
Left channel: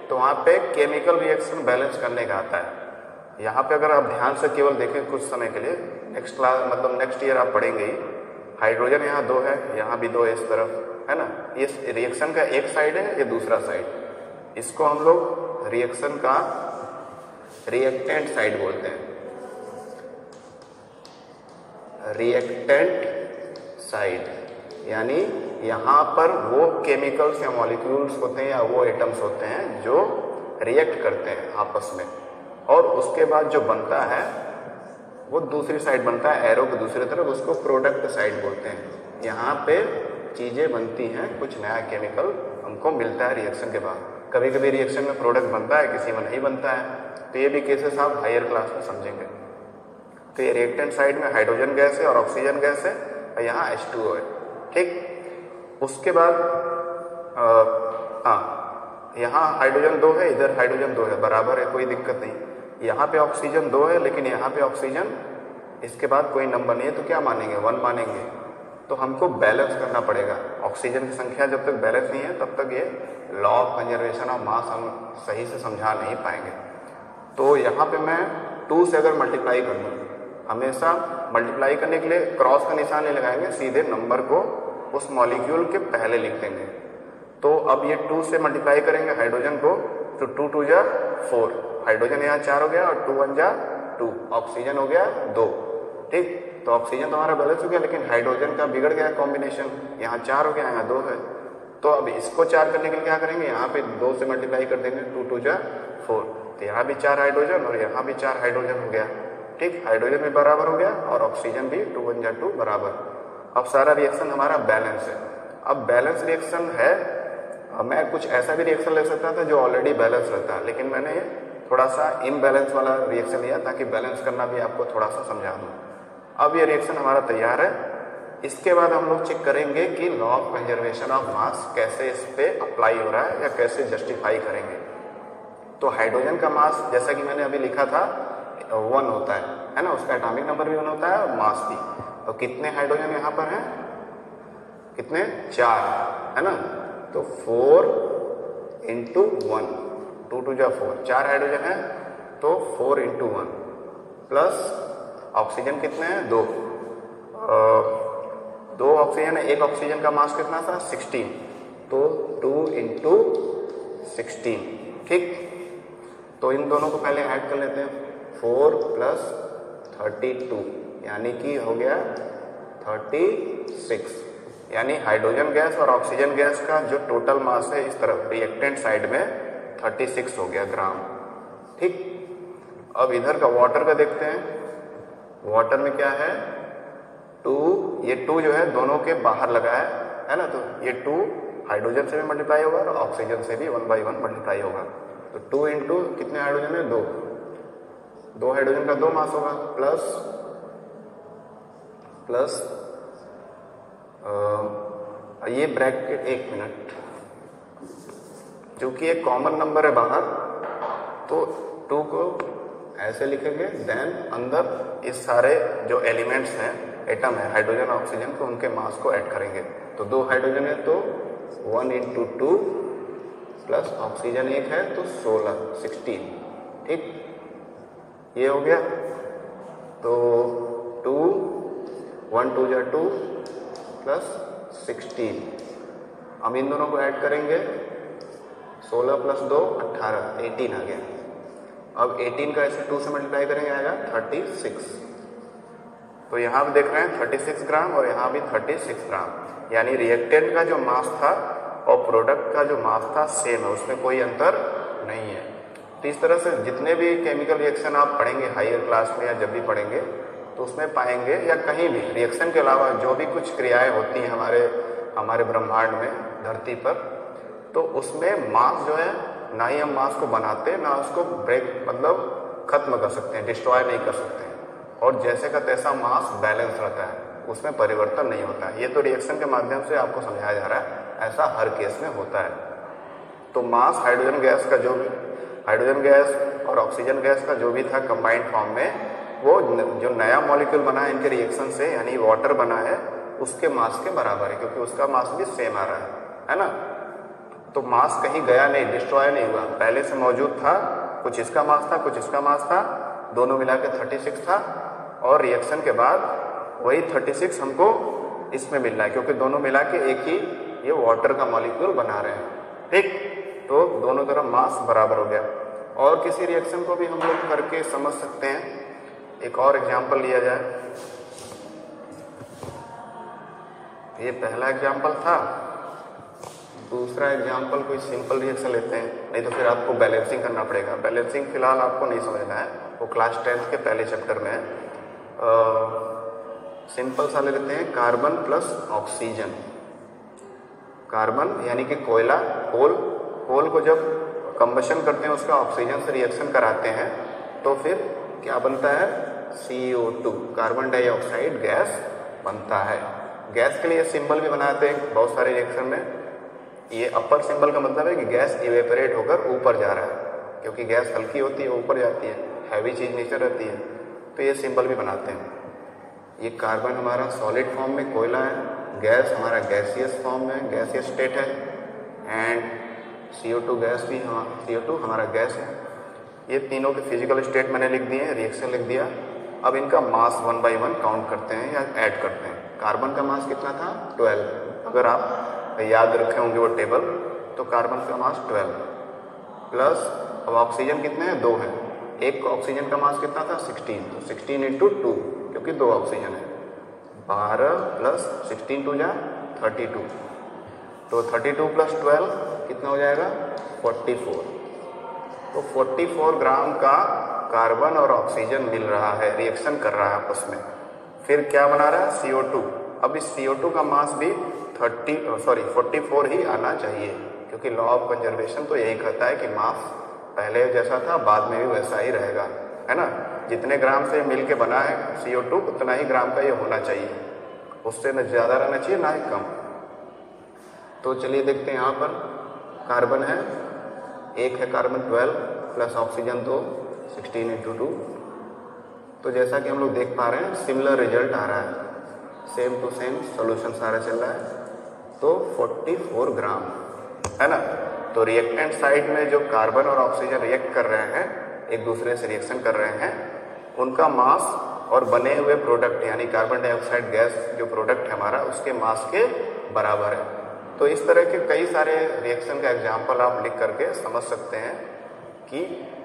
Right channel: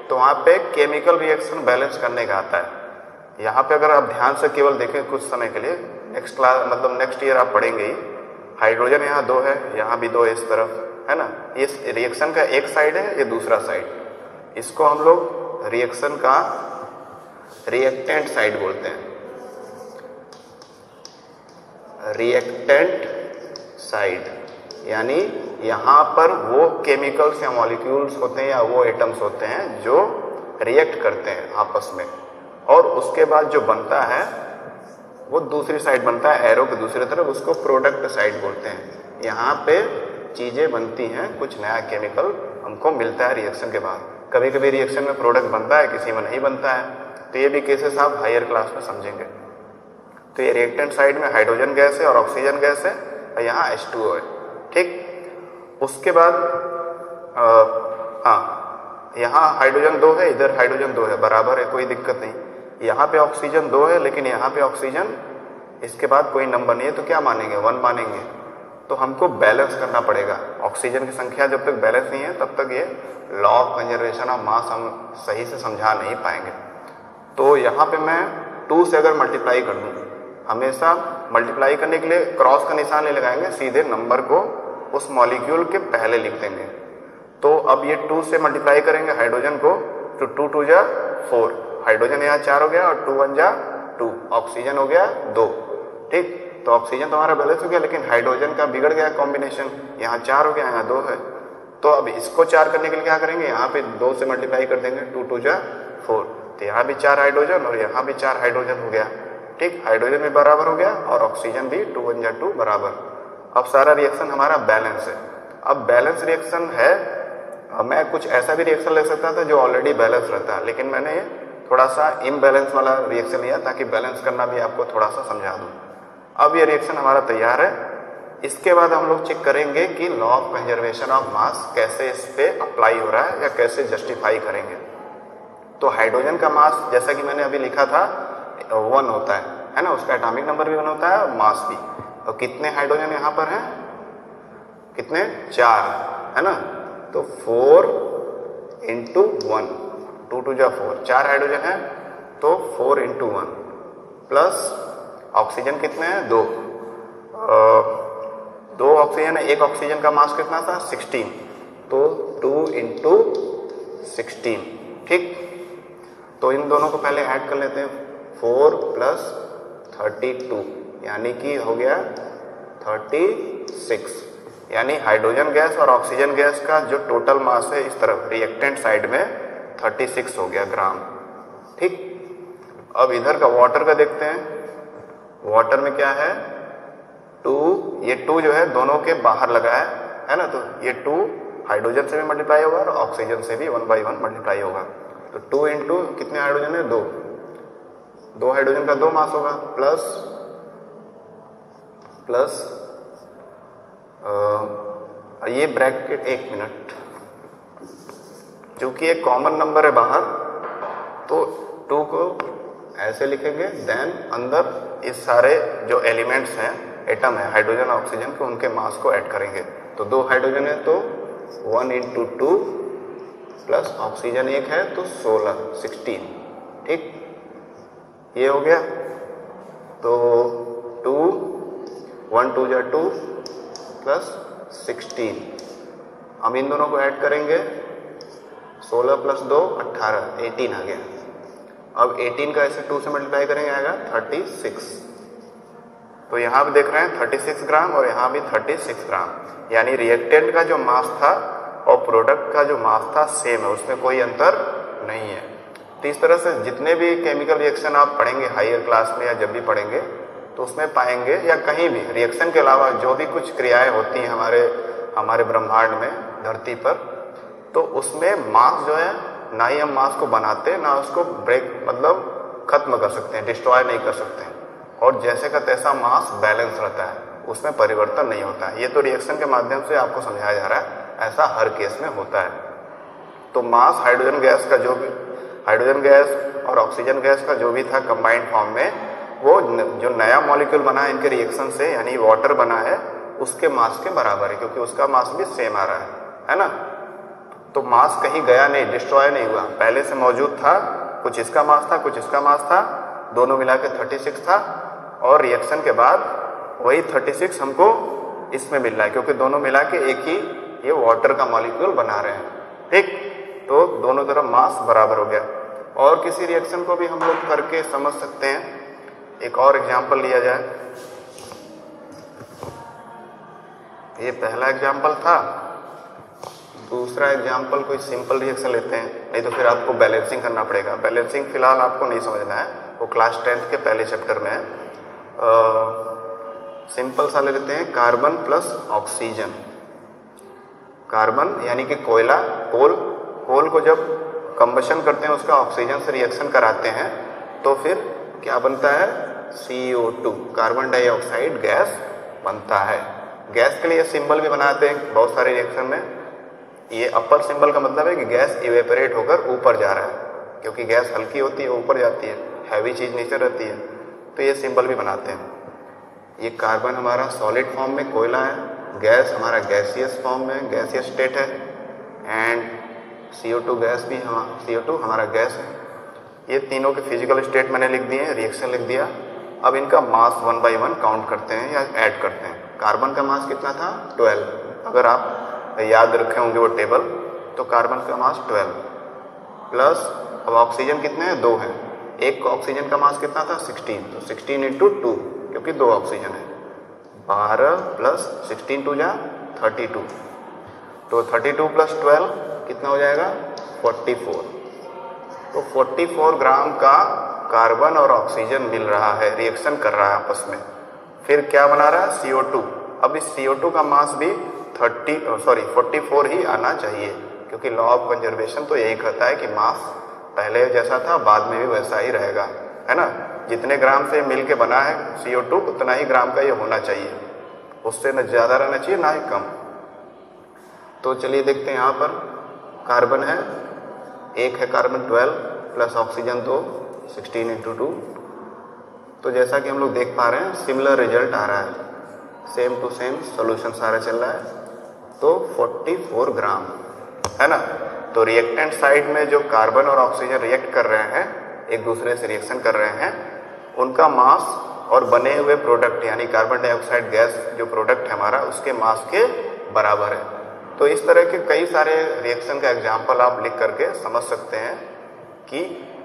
तो वहाँ पे केमिकल रिएक्शन बैलेंस करने का आता है। यहाँ पे अगर आप ध्यान से केवल देखें कुछ समय के लिए, नेक्स्ट क्लास मतलब नेक्स्ट ईयर आप पढ़ेंगे ही, हाइड्रोजन यहाँ 2 है, यहाँ भी 2 है इस तरफ, है ना। इस रिएक्शन का एक साइड है, ये दूसरा साइड। इसको हम लोग रिएक्शन का रिएक्टेंट साइड बोलते हैं, रिएक्टेंट साइड। यानी यहाँ पर वो केमिकल्स या मॉलिक्यूल्स होते हैं या वो एटम्स होते हैं जो रिएक्ट करते हैं आपस में, और उसके बाद जो बनता है वो दूसरी साइड बनता है, एरो की दूसरी तरफ, इसको प्रोडक्ट साइड बोलते हैं। यहाँ पे चीज़ें बनती हैं, कुछ नया केमिकल हमको मिलता है रिएक्शन के बाद। कभी कभी रिएक्शन में प्रोडक्ट बनता है, किसी में नहीं बनता है, तो ये भी केसेस आप हायर क्लास में समझेंगे। तो ये रिएक्टेंट साइड में हाइड्रोजन गैस है और ऑक्सीजन गैस है, और यहाँ H2O है, ठीक। उसके बाद यहाँ हाइड्रोजन 2 है, इधर हाइड्रोजन 2 है, बराबर है, कोई दिक्कत नहीं। यहाँ पे ऑक्सीजन 2 है, लेकिन यहाँ पे ऑक्सीजन, इसके बाद कोई नंबर नहीं है, तो क्या मानेंगे, 1 मानेंगे। तो हमको बैलेंस करना पड़ेगा। ऑक्सीजन की संख्या जब तक बैलेंस नहीं है तब तक ये लॉ ऑफ कंजर्वेशन ऑफ मास हम सही से समझा नहीं पाएंगे। तो यहाँ पे मैं 2 से अगर मल्टीप्लाई कर दूँ, हमेशा मल्टीप्लाई करने के लिए क्रॉस का निशान नहीं लगाएंगे, सीधे नंबर को उस मॉलिक्यूल के पहले लिख देंगे। तो अब ये 2 से मल्टीप्लाई करेंगे हाइड्रोजन को, तो 2 2 जा 4, हाइड्रोजन यहाँ 4 हो गया, और 2 1 जा 2, ऑक्सीजन हो गया 2, ठीक। तो ऑक्सीजन तो हमारा बैलेंस हो गया, लेकिन हाइड्रोजन का बिगड़ गया कॉम्बिनेशन, यहाँ 4 हो गया, यहाँ 2 है। तो अब इसको 4 करने के लिए क्या करेंगे, यहाँ पे 2 से मल्टीप्लाई कर देंगे, 2 2 जा 4, तो यहाँ भी 4 हाइड्रोजन और यहाँ भी 4 हाइड्रोजन हो गया, ठीक। हाइड्रोजन भी बराबर हो गया और ऑक्सीजन भी 2 1 जा 2 बराबर। अब सारा रिएक्शन हमारा बैलेंस है। अब बैलेंस रिएक्शन है, मैं कुछ ऐसा भी रिएक्शन ले सकता था जो ऑलरेडी बैलेंस रहता है, लेकिन मैंने थोड़ा सा इम्बैलेंस वाला रिएक्शन लिया ताकि बैलेंस करना भी आपको थोड़ा सा समझा दूँ। अब ये रिएक्शन हमारा तैयार है। इसके बाद हम लोग चेक करेंगे कि लॉ ऑफ कंजर्वेशन ऑफ मास कैसे इस पे अप्लाई हो रहा है या कैसे जस्टिफाई करेंगे। तो हाइड्रोजन का मास जैसा कि मैंने अभी लिखा था 1 होता है ना, उसका एटॉमिक नंबर भी 1 होता है और मास भी। और कितने हाइड्रोजन यहाँ पर हैं, कितने, 4 है ना, तो 4 × 1, 2 2 जा 4, 4 हाइड्रोजन है, तो 4 × 1 प्लस ऑक्सीजन कितने हैं, 2 ऑक्सीजन है, एक ऑक्सीजन का मास कितना था, 16, तो 2 × 16, ठीक। तो इन दोनों को पहले ऐड कर लेते हैं, 4 + 32, यानी कि हो गया 36। यानी हाइड्रोजन गैस और ऑक्सीजन गैस का जो टोटल मास है इस तरफ रिएक्टेंट साइड में 36 हो गया ग्राम, ठीक। अब इधर का वाटर का देखते हैं। वाटर में क्या है, 2, ये 2 जो है दोनों के बाहर लगा है ना, तो ये 2 हाइड्रोजन से भी मल्टीप्लाई होगा और ऑक्सीजन से भी 1 / 1 मल्टीप्लाई होगा। तो 2 × कितने हाइड्रोजन है, 2 हाइड्रोजन का 2 मास होगा, प्लस ये ब्रैकेट, 1 मिनट, चूंकि एक कॉमन नंबर है बाहर तो 2 को ऐसे लिखेंगे, देन अंदर इस सारे जो एलिमेंट्स हैं, एटम है, हाइड्रोजन ऑक्सीजन के, उनके मास को ऐड करेंगे। तो 2 हाइड्रोजन है तो 1 × 2 प्लस ऑक्सीजन 1 है तो 16, ठीक, ये हो गया। तो 2 1 2 जा 2 प्लस 16, हम इन दोनों को ऐड करेंगे, 16 + 2 18, 18 आ गया। अब 18 का ऐसे 2 से मल्टीप्लाई करेंगे, आएगा 36। तो यहाँ भी देख रहे हैं 36 ग्राम और यहाँ भी 36 ग्राम, यानी रिएक्टेंट का जो मास था और प्रोडक्ट का जो मास था सेम है, उसमें कोई अंतर नहीं है। तो इस तरह से जितने भी केमिकल रिएक्शन आप पढ़ेंगे हायर क्लास में या जब भी पढ़ेंगे तो उसमें पाएंगे, या कहीं भी रिएक्शन के अलावा जो भी कुछ क्रियाएं होती हैं हमारे ब्रह्मांड में, धरती पर, तो उसमें मास जो है, ना ही हम मास को बनाते, ना उसको ब्रेक मतलब खत्म कर सकते हैं, डिस्ट्रॉय नहीं कर सकते हैं, और जैसे का तैसा मास बैलेंस रहता है, उसमें परिवर्तन नहीं होता है। ये तो रिएक्शन के माध्यम से आपको समझाया जा रहा है, ऐसा हर केस में होता है। तो मास हाइड्रोजन गैस का हाइड्रोजन गैस और ऑक्सीजन गैस का जो भी था कंबाइंड फॉर्म में, वो जो नया मॉलिक्यूल बना है इनके रिएक्शन से, यानी वाटर बना है, उसके मास के बराबर है, क्योंकि उसका मास भी सेम आ रहा है ना। तो मास कहीं गया नहीं, डिस्ट्रॉय नहीं हुआ, पहले से मौजूद था, कुछ इसका मास था, कुछ इसका मास था, दोनों मिला के 36 था, और रिएक्शन के बाद वही 36 हमको इसमें मिल रहा है, क्योंकि दोनों मिला के एक ही ये वाटर का मॉलिक्यूल बना रहे हैं, ठीक। तो तो दोनों तरफ मास बराबर हो गया। और किसी रिएक्शन को भी हम लोग करके समझ सकते हैं। एक और एग्जाम्पल लिया जाए, ये पहला एग्जाम्पल था। दूसरा एग्जाम्पल कोई सिंपल रिएक्शन लेते हैं, नहीं तो फिर आपको बैलेंसिंग करना पड़ेगा। बैलेंसिंग फिलहाल आपको नहीं समझना है, वो क्लास 10th के पहले चैप्टर में है। सिंपल सा ले लेते हैं, कार्बन प्लस ऑक्सीजन। कार्बन यानी कि कोयला, कोल को जब कंबशन करते हैं उसका ऑक्सीजन से रिएक्शन कराते हैं तो फिर क्या बनता है, CO2, कार्बन डाइऑक्साइड गैस बनता है। गैस के लिए सिंबल भी बनाते हैं बहुत सारे रिएक्शन में। ये अपर सिंबल का मतलब है कि गैस इवेपोरेट होकर ऊपर जा रहा है, क्योंकि गैस हल्की होती है ऊपर जाती है, हैवी चीज़ नीचे रहती है, तो ये सिंबल भी बनाते हैं। ये कार्बन हमारा सॉलिड फॉर्म में कोयला है, गैस हमारा गैसियस फॉर्म में गैसियस स्टेट है, एंड CO2 गैस भी CO2 हमारा गैस है। ये तीनों के फिजिकल स्टेट मैंने लिख दिए, रिएक्शन लिख दिया। अब इनका मास 1 by 1 काउंट करते हैं या ऐड करते हैं। कार्बन का मास कितना था, 12। अगर आप याद रखे होंगे वो टेबल, तो कार्बन का मास 12 प्लस, अब ऑक्सीजन कितने हैं, 2 है। एक ऑक्सीजन का मास कितना था, 16, तो 16 × 2, क्योंकि 2 ऑक्सीजन है। 12 प्लस 16 2 जा 32, तो 32 प्लस 12 कितना हो जाएगा, 44। तो 44 ग्राम का कार्बन और ऑक्सीजन मिल रहा है, रिएक्शन कर रहा है आपस में। फिर क्या बना रहा है, CO2। अब इस CO2 का मास भी 44 ही आना चाहिए, क्योंकि लॉ ऑफ कंजर्वेशन तो यही कहता है कि मास पहले जैसा था बाद में भी वैसा ही रहेगा, है ना। जितने ग्राम से मिल के बना है CO2 उतना ही ग्राम का ये होना चाहिए, उससे न ज़्यादा रहना चाहिए ना ही कम। तो चलिए देखते हैं, यहाँ पर कार्बन है, एक है कार्बन 12 प्लस ऑक्सीजन 2, 16 × 2। तो जैसा कि हम लोग देख पा रहे हैं सिमिलर रिजल्ट आ रहा है, सेम टू सेम सॉल्यूशन सारा चल रहा है। तो 44 ग्राम है ना। तो रिएक्टेंट साइड में जो कार्बन और ऑक्सीजन रिएक्ट कर रहे हैं, एक दूसरे से रिएक्शन कर रहे हैं, उनका मास और बने हुए प्रोडक्ट यानी कार्बन डाइऑक्साइड गैस जो प्रोडक्ट है हमारा, उसके मास के बराबर है। तो इस तरह के कई सारे रिएक्शन का एग्जाम्पल आप लिख करके समझ सकते हैं कि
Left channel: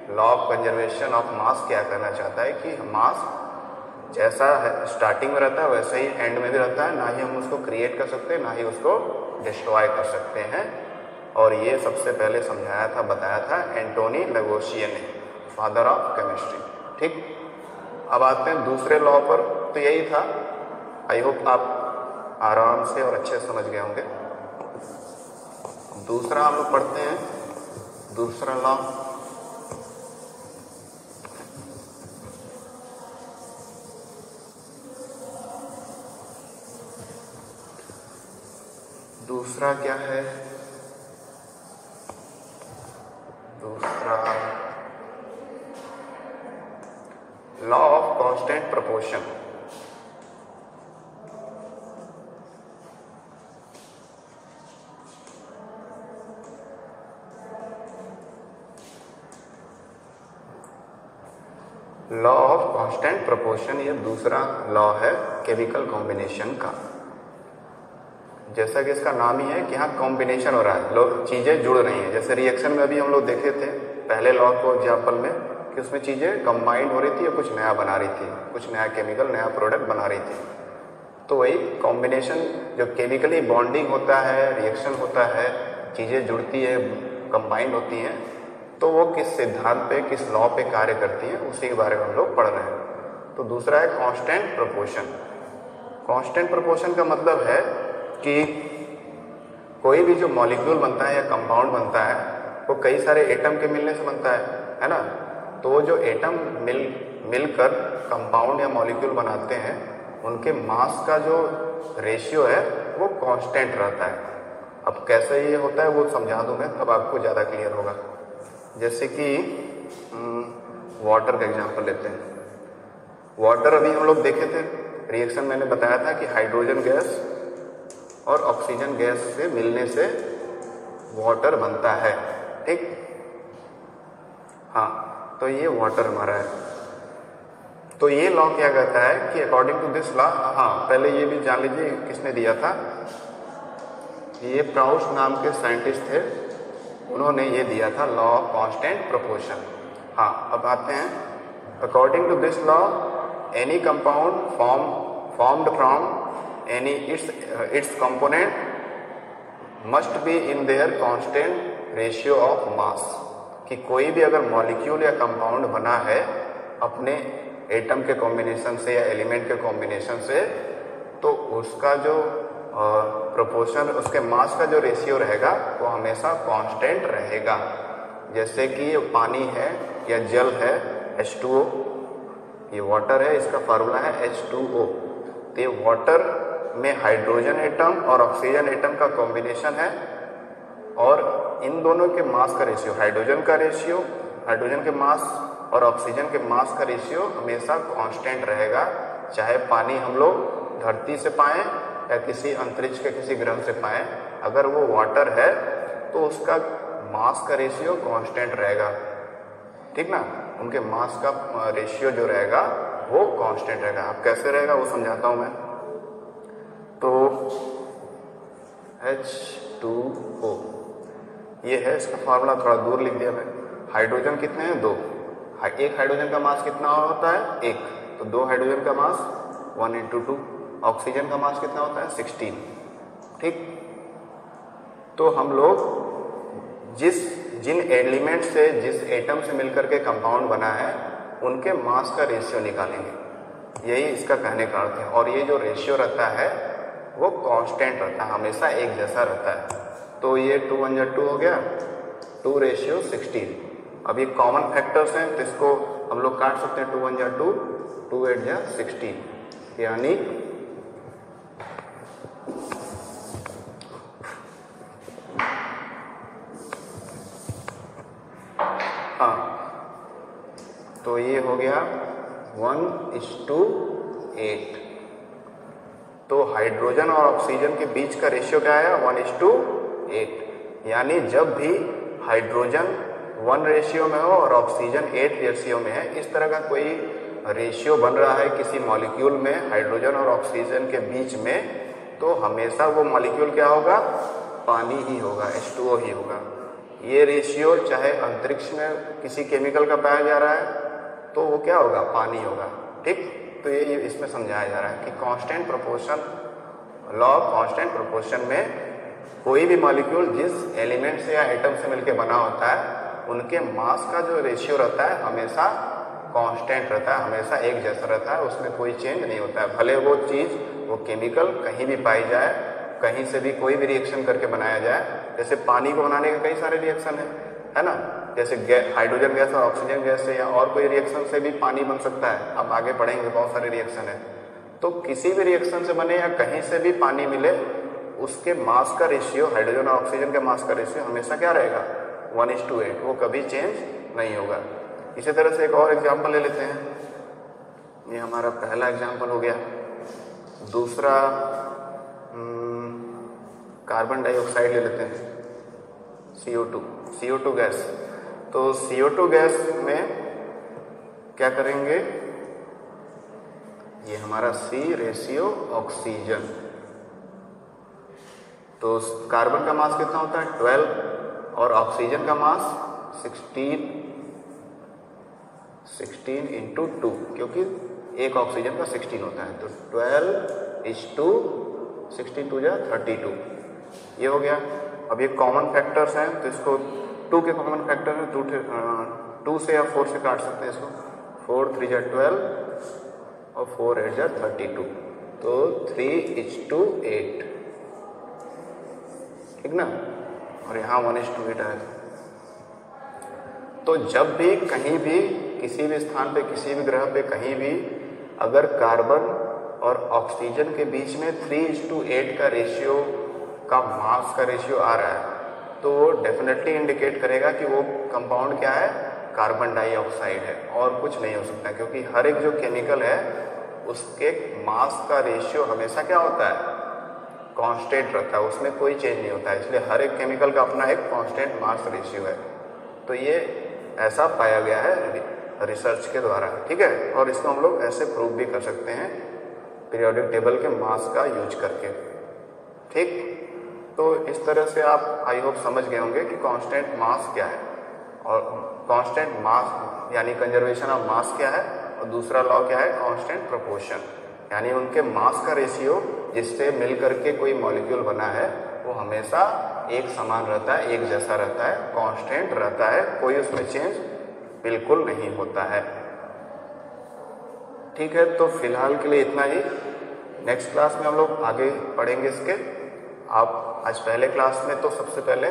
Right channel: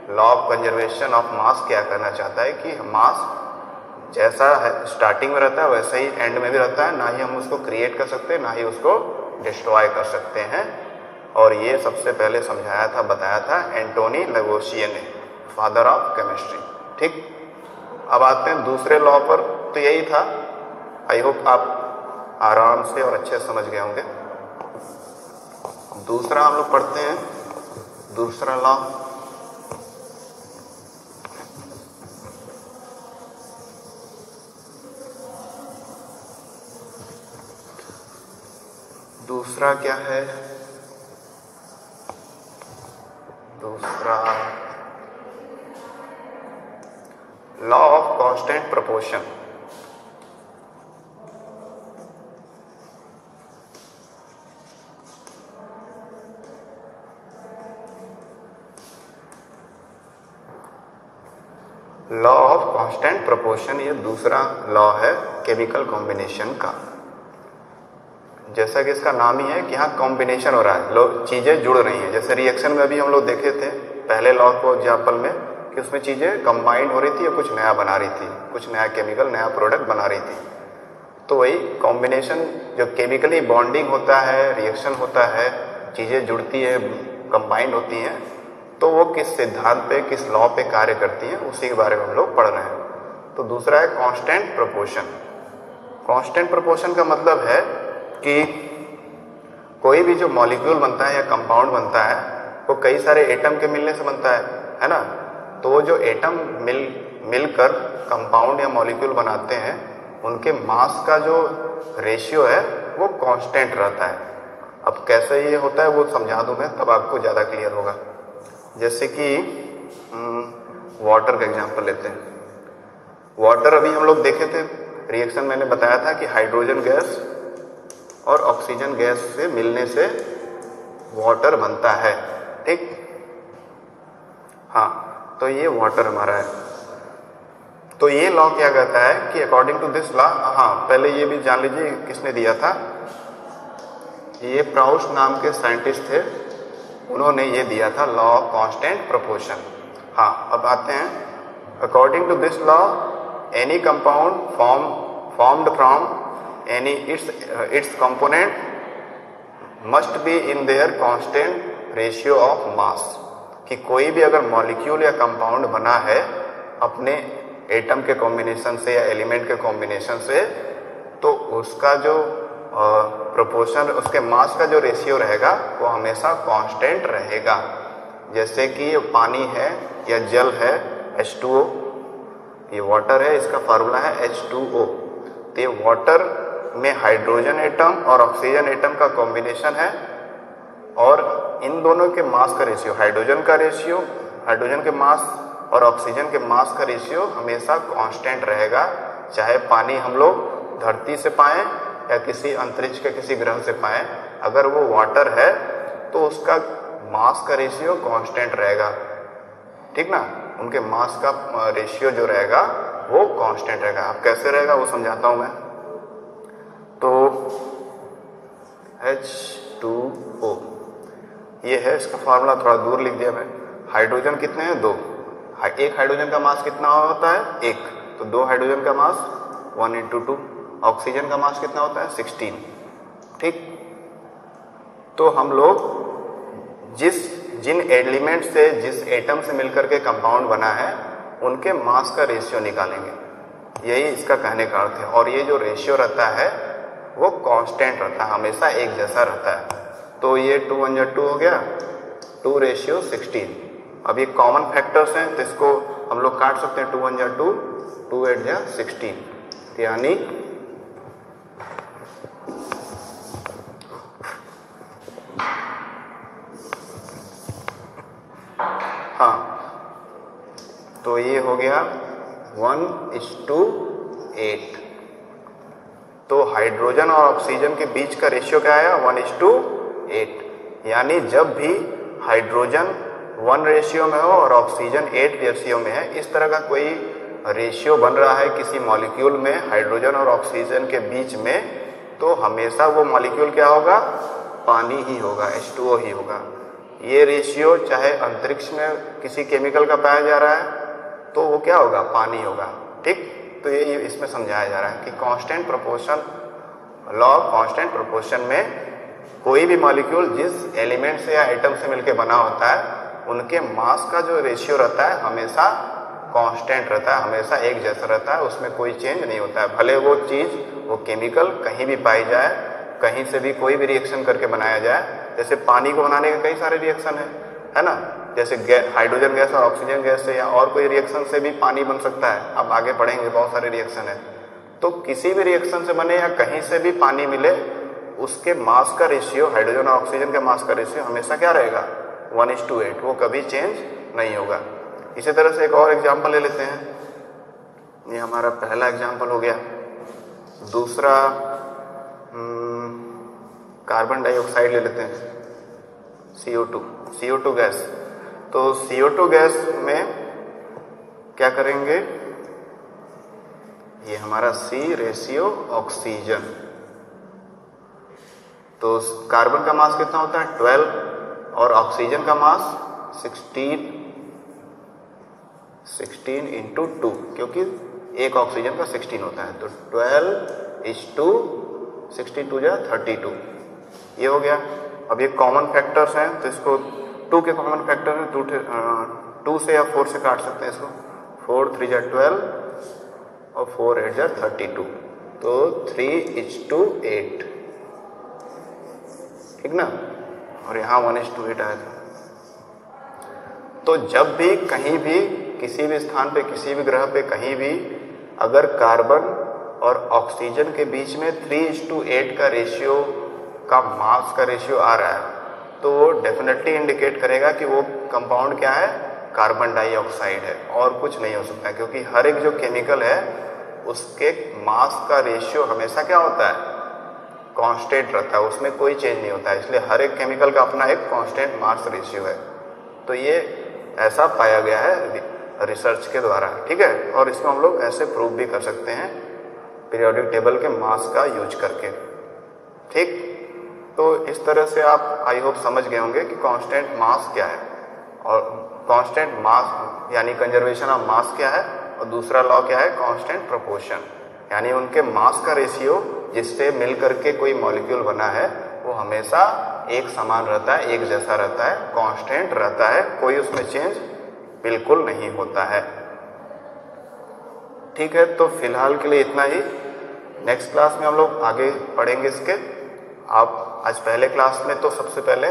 लॉ ऑफ कंजर्वेशन ऑफ मास क्या कहना चाहता है, कि मास जैसा है स्टार्टिंग में रहता है वैसे ही एंड में भी रहता है, ना ही हम उसको क्रिएट कर सकते हैं ना ही उसको डिस्ट्रॉय कर सकते हैं। और ये सबसे पहले समझाया था, बताया था एंटोनी लवोसिए ने, फादर ऑफ केमिस्ट्री। ठीक, अब आते हैं दूसरे लॉ पर। तो यही था, आई होप आप आराम से और अच्छे से समझ गए होंगे। दूसरा हम लोग पढ़ते हैं, दूसरा लॉ दूसरा क्या है, दूसरा law of constant proportion. Law of constant proportion ये दूसरा लॉ है केमिकल कॉम्बिनेशन का। जैसा कि इसका नाम ही है कि हाँ कॉम्बिनेशन हो रहा है, लोग चीज़ें जुड़ रही हैं। जैसे रिएक्शन में अभी हम लोग देखे थे पहले लॉ को एग्जाम्पल में, कि उसमें चीज़ें कंबाइंड हो रही थी, कुछ नया बना रही थी, कुछ नया केमिकल नया प्रोडक्ट बना रही थी। तो वही कॉम्बिनेशन, जब केमिकली बॉन्डिंग होता है, रिएक्शन होता है, चीज़ें जुड़ती है, कंबाइंड होती हैं, तो वो किस सिद्धांत पे, किस लॉ पे कार्य करती हैं, उसी के बारे में हम लोग पढ़ रहे हैं। तो दूसरा है कांस्टेंट प्रोपोर्शन। कांस्टेंट प्रोपोर्शन का मतलब है कि कोई भी जो मॉलिक्यूल बनता है या कंपाउंड बनता है वो कई सारे एटम के मिलने से बनता है ना। तो वो जो एटम मिलकर कंपाउंड या मॉलिक्यूल बनाते हैं, उनके मास का जो रेशियो है वो कांस्टेंट रहता है। अब कैसे ये होता है वो समझा दूं मैं, तब आपको ज़्यादा क्लियर होगा। जैसे कि वाटर का एग्जांपल लेते हैं। वाटर अभी हम लोग देखे थे, रिएक्शन मैंने बताया था कि हाइड्रोजन गैस और ऑक्सीजन गैस से मिलने से वाटर बनता है। ठीक, हाँ, तो ये वाटर हमारा है। तो ये लॉ क्या कहता है कि अकॉर्डिंग टू दिस लॉ, हाँ पहले ये भी जान लीजिए किसने दिया था, ये प्राउस्ट नाम के साइंटिस्ट थे, उन्होंने ये दिया था लॉ ऑफ कांस्टेंट प्रोपोर्शन। हाँ, अब आते हैं, according to this law any compound formed from any its component must be in their constant ratio of mass, कि कोई भी अगर मॉलिक्यूल या कंपाउंड बना है अपने एटम के कॉम्बिनेशन से या एलिमेंट के कॉम्बिनेशन से, तो उसका जो प्रोपोर्शन, उसके मास का जो रेशियो रहेगा वो हमेशा कांस्टेंट रहेगा। जैसे कि पानी है या जल है H2O, ये वाटर है, इसका फार्मूला है H2O। तो ये वाटर में हाइड्रोजन एटम और ऑक्सीजन एटम का कॉम्बिनेशन है, और इन दोनों के मास का रेशियो, हाइड्रोजन के मास और ऑक्सीजन के मास का रेशियो हमेशा कांस्टेंट रहेगा। चाहे पानी हम लोग धरती से पाएं या किसी अंतरिक्ष के किसी ग्रह से पाएं, अगर वो वाटर है तो उसका मास का रेशियो कांस्टेंट रहेगा, ठीक ना। उनके मास का रेशियो जो रहेगा वो कांस्टेंट रहेगा। अब कैसे रहेगा वो समझाता हूं मैं। तो H2O ये है, इसका फॉर्मूला थोड़ा दूर लिख दिया मैं। हाइड्रोजन कितने हैं? 2। एक हाइड्रोजन का मास कितना होता है? 1। तो 2 हाइड्रोजन का मास 1 × 2। ऑक्सीजन का मास कितना होता है? 16। ठीक। तो हम लोग जिन एलिमेंट से, जिस एटम से मिलकर के कंपाउंड बना है, उनके मास का रेशियो निकालेंगे। यही इसका कहने का अर्थ है। और ये जो रेशियो रहता है वो कांस्टेंट रहता है, हमेशा एक जैसा रहता है। तो ये 2 × 1 = 2 हो गया, 2:16। अब ये कॉमन फैक्टर्स हैं तो इसको हम लोग काट सकते हैं। 2 × 1 = 2, 2 × 8 = 16, यानी हाँ, तो ये हो गया 1:8। तो हाइड्रोजन और ऑक्सीजन के बीच का रेशियो क्या आया? 1:8। यानी जब भी हाइड्रोजन 1 रेशियो में हो और ऑक्सीजन 8 रेशियो में है, इस तरह का कोई रेशियो बन रहा है किसी मॉलिक्यूल में हाइड्रोजन और ऑक्सीजन के बीच में, तो हमेशा वो मॉलिक्यूल क्या होगा? पानी ही होगा, H2O ही होगा। ये रेशियो चाहे अंतरिक्ष में किसी केमिकल का पाया जा रहा है तो वो क्या होगा? पानी होगा। ठीक। तो ये इसमें समझाया जा रहा है कि constant proportion, law of constant proportion में कोई भी मॉलिक्यूल जिस एलिमेंट से या एटम से मिलकर बना होता है, उनके मास का जो रेशियो रहता है हमेशा कांस्टेंट रहता है, हमेशा एक जैसा रहता है, उसमें कोई चेंज नहीं होता है। भले वो चीज़, वो केमिकल कहीं भी पाई जाए, कहीं से भी कोई भी रिएक्शन करके बनाया जाए। जैसे पानी को बनाने के कई सारे रिएक्शन है ना। जैसे हाइड्रोजन गैस और ऑक्सीजन गैस से या और कोई रिएक्शन से भी पानी बन सकता है। अब आगे पढ़ेंगे, बहुत सारे रिएक्शन है। तो किसी भी रिएक्शन से बने या कहीं से भी पानी मिले, उसके मास का रेशियो, हाइड्रोजन और ऑक्सीजन के मास का रेशियो हमेशा क्या रहेगा? 1:8। वो कभी चेंज नहीं होगा। इसी तरह से एक और एग्जाम्पल ले लेते हैं। ये हमारा पहला एग्जाम्पल हो गया। दूसरा कार्बन डाइऑक्साइड ले लेते हैं, CO2 गैस। तो CO2 गैस में क्या करेंगे? ये हमारा C रेशियो ऑक्सीजन। तो कार्बन का मास कितना होता है? 12, और ऑक्सीजन का मास 16 × 2, क्योंकि एक ऑक्सीजन का 16 होता है। तो 12:16, 2 × 32। ये हो गया। अब ये कॉमन फैक्टर्स हैं तो इसको 2 के कॉमन फैक्टर है, 2 से या 4 से काट सकते हैं इसको। 4 × 3 = 12 और 4 × 8 = 32। तो 3:8, ठीक ना। और यहाँ 1:8 आया था। तो जब भी कहीं भी किसी भी स्थान पे, किसी भी ग्रह पे, कहीं भी अगर कार्बन और ऑक्सीजन के बीच में 3:8 का रेशियो का मास का रेशियो आ रहा है, तो वो डेफिनेटली इंडिकेट करेगा कि वो कंपाउंड क्या है? कार्बन डाइऑक्साइड है, और कुछ नहीं हो सकता। क्योंकि हर एक जो केमिकल है उसके मास का रेशियो हमेशा क्या होता है? कांस्टेंट रहता है, उसमें कोई चेंज नहीं होता है। इसलिए हर एक केमिकल का अपना एक कांस्टेंट मास रेशियो है। तो ये ऐसा पाया गया है रिसर्च के द्वारा, ठीक है। और इसको हम लोग ऐसे प्रूव भी कर सकते हैं पीरियोडिक टेबल के मास का यूज करके, ठीक। तो इस तरह से आप आई होप समझ गए होंगे कि कांस्टेंट मास क्या है और कांस्टेंट मास यानी कंजर्वेशन ऑफ मास क्या है, और दूसरा लॉ क्या है, कांस्टेंट प्रोपोर्शन यानी उनके मास का रेशियो जिससे मिल करके कोई मॉलिक्यूल बना है वो हमेशा एक समान रहता है, एक जैसा रहता है, कांस्टेंट रहता है, कोई उसमें चेंज बिल्कुल नहीं होता है। ठीक है, तो फिलहाल के लिए इतना ही। नेक्स्ट क्लास में हम लोग आगे पढ़ेंगे इसके। आप आज पहले क्लास में तो सबसे पहले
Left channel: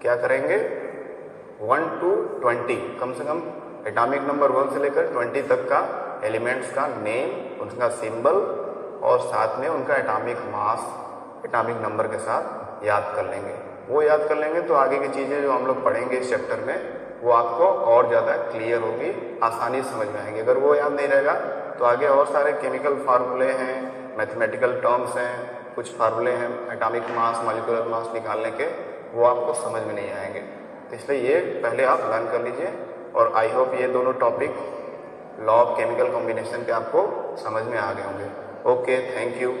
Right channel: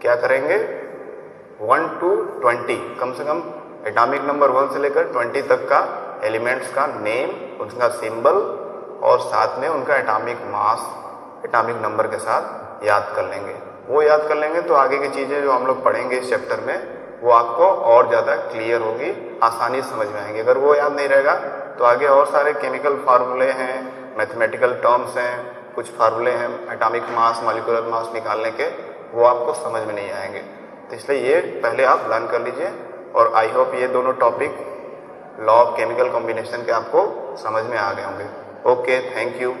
क्या करेंगे, 1 to 20 कम से कम एटॉमिक नंबर 1 से लेकर 20 तक का एलिमेंट्स का नेम, उनका सिंबल और साथ में उनका एटॉमिक मास एटॉमिक नंबर के साथ याद कर लेंगे। वो याद कर लेंगे तो आगे की चीज़ें जो हम लोग पढ़ेंगे इस चैप्टर में वो आपको और ज़्यादा क्लियर होगी, आसानी से समझ में आएंगे। अगर वो याद नहीं रहेगा तो आगे और सारे केमिकल फार्मूले हैं, मैथमेटिकल टर्म्स हैं, कुछ फार्मूले हैं एटॉमिक मास मॉलिक्यूलर मास निकालने के, वो आपको समझ में नहीं आएंगे। तो इसलिए ये पहले आप लर्न कर लीजिए और आई होप ये दोनों topic law of chemical combination के आपको समझ में आ गए होंगे। Okay, thank you.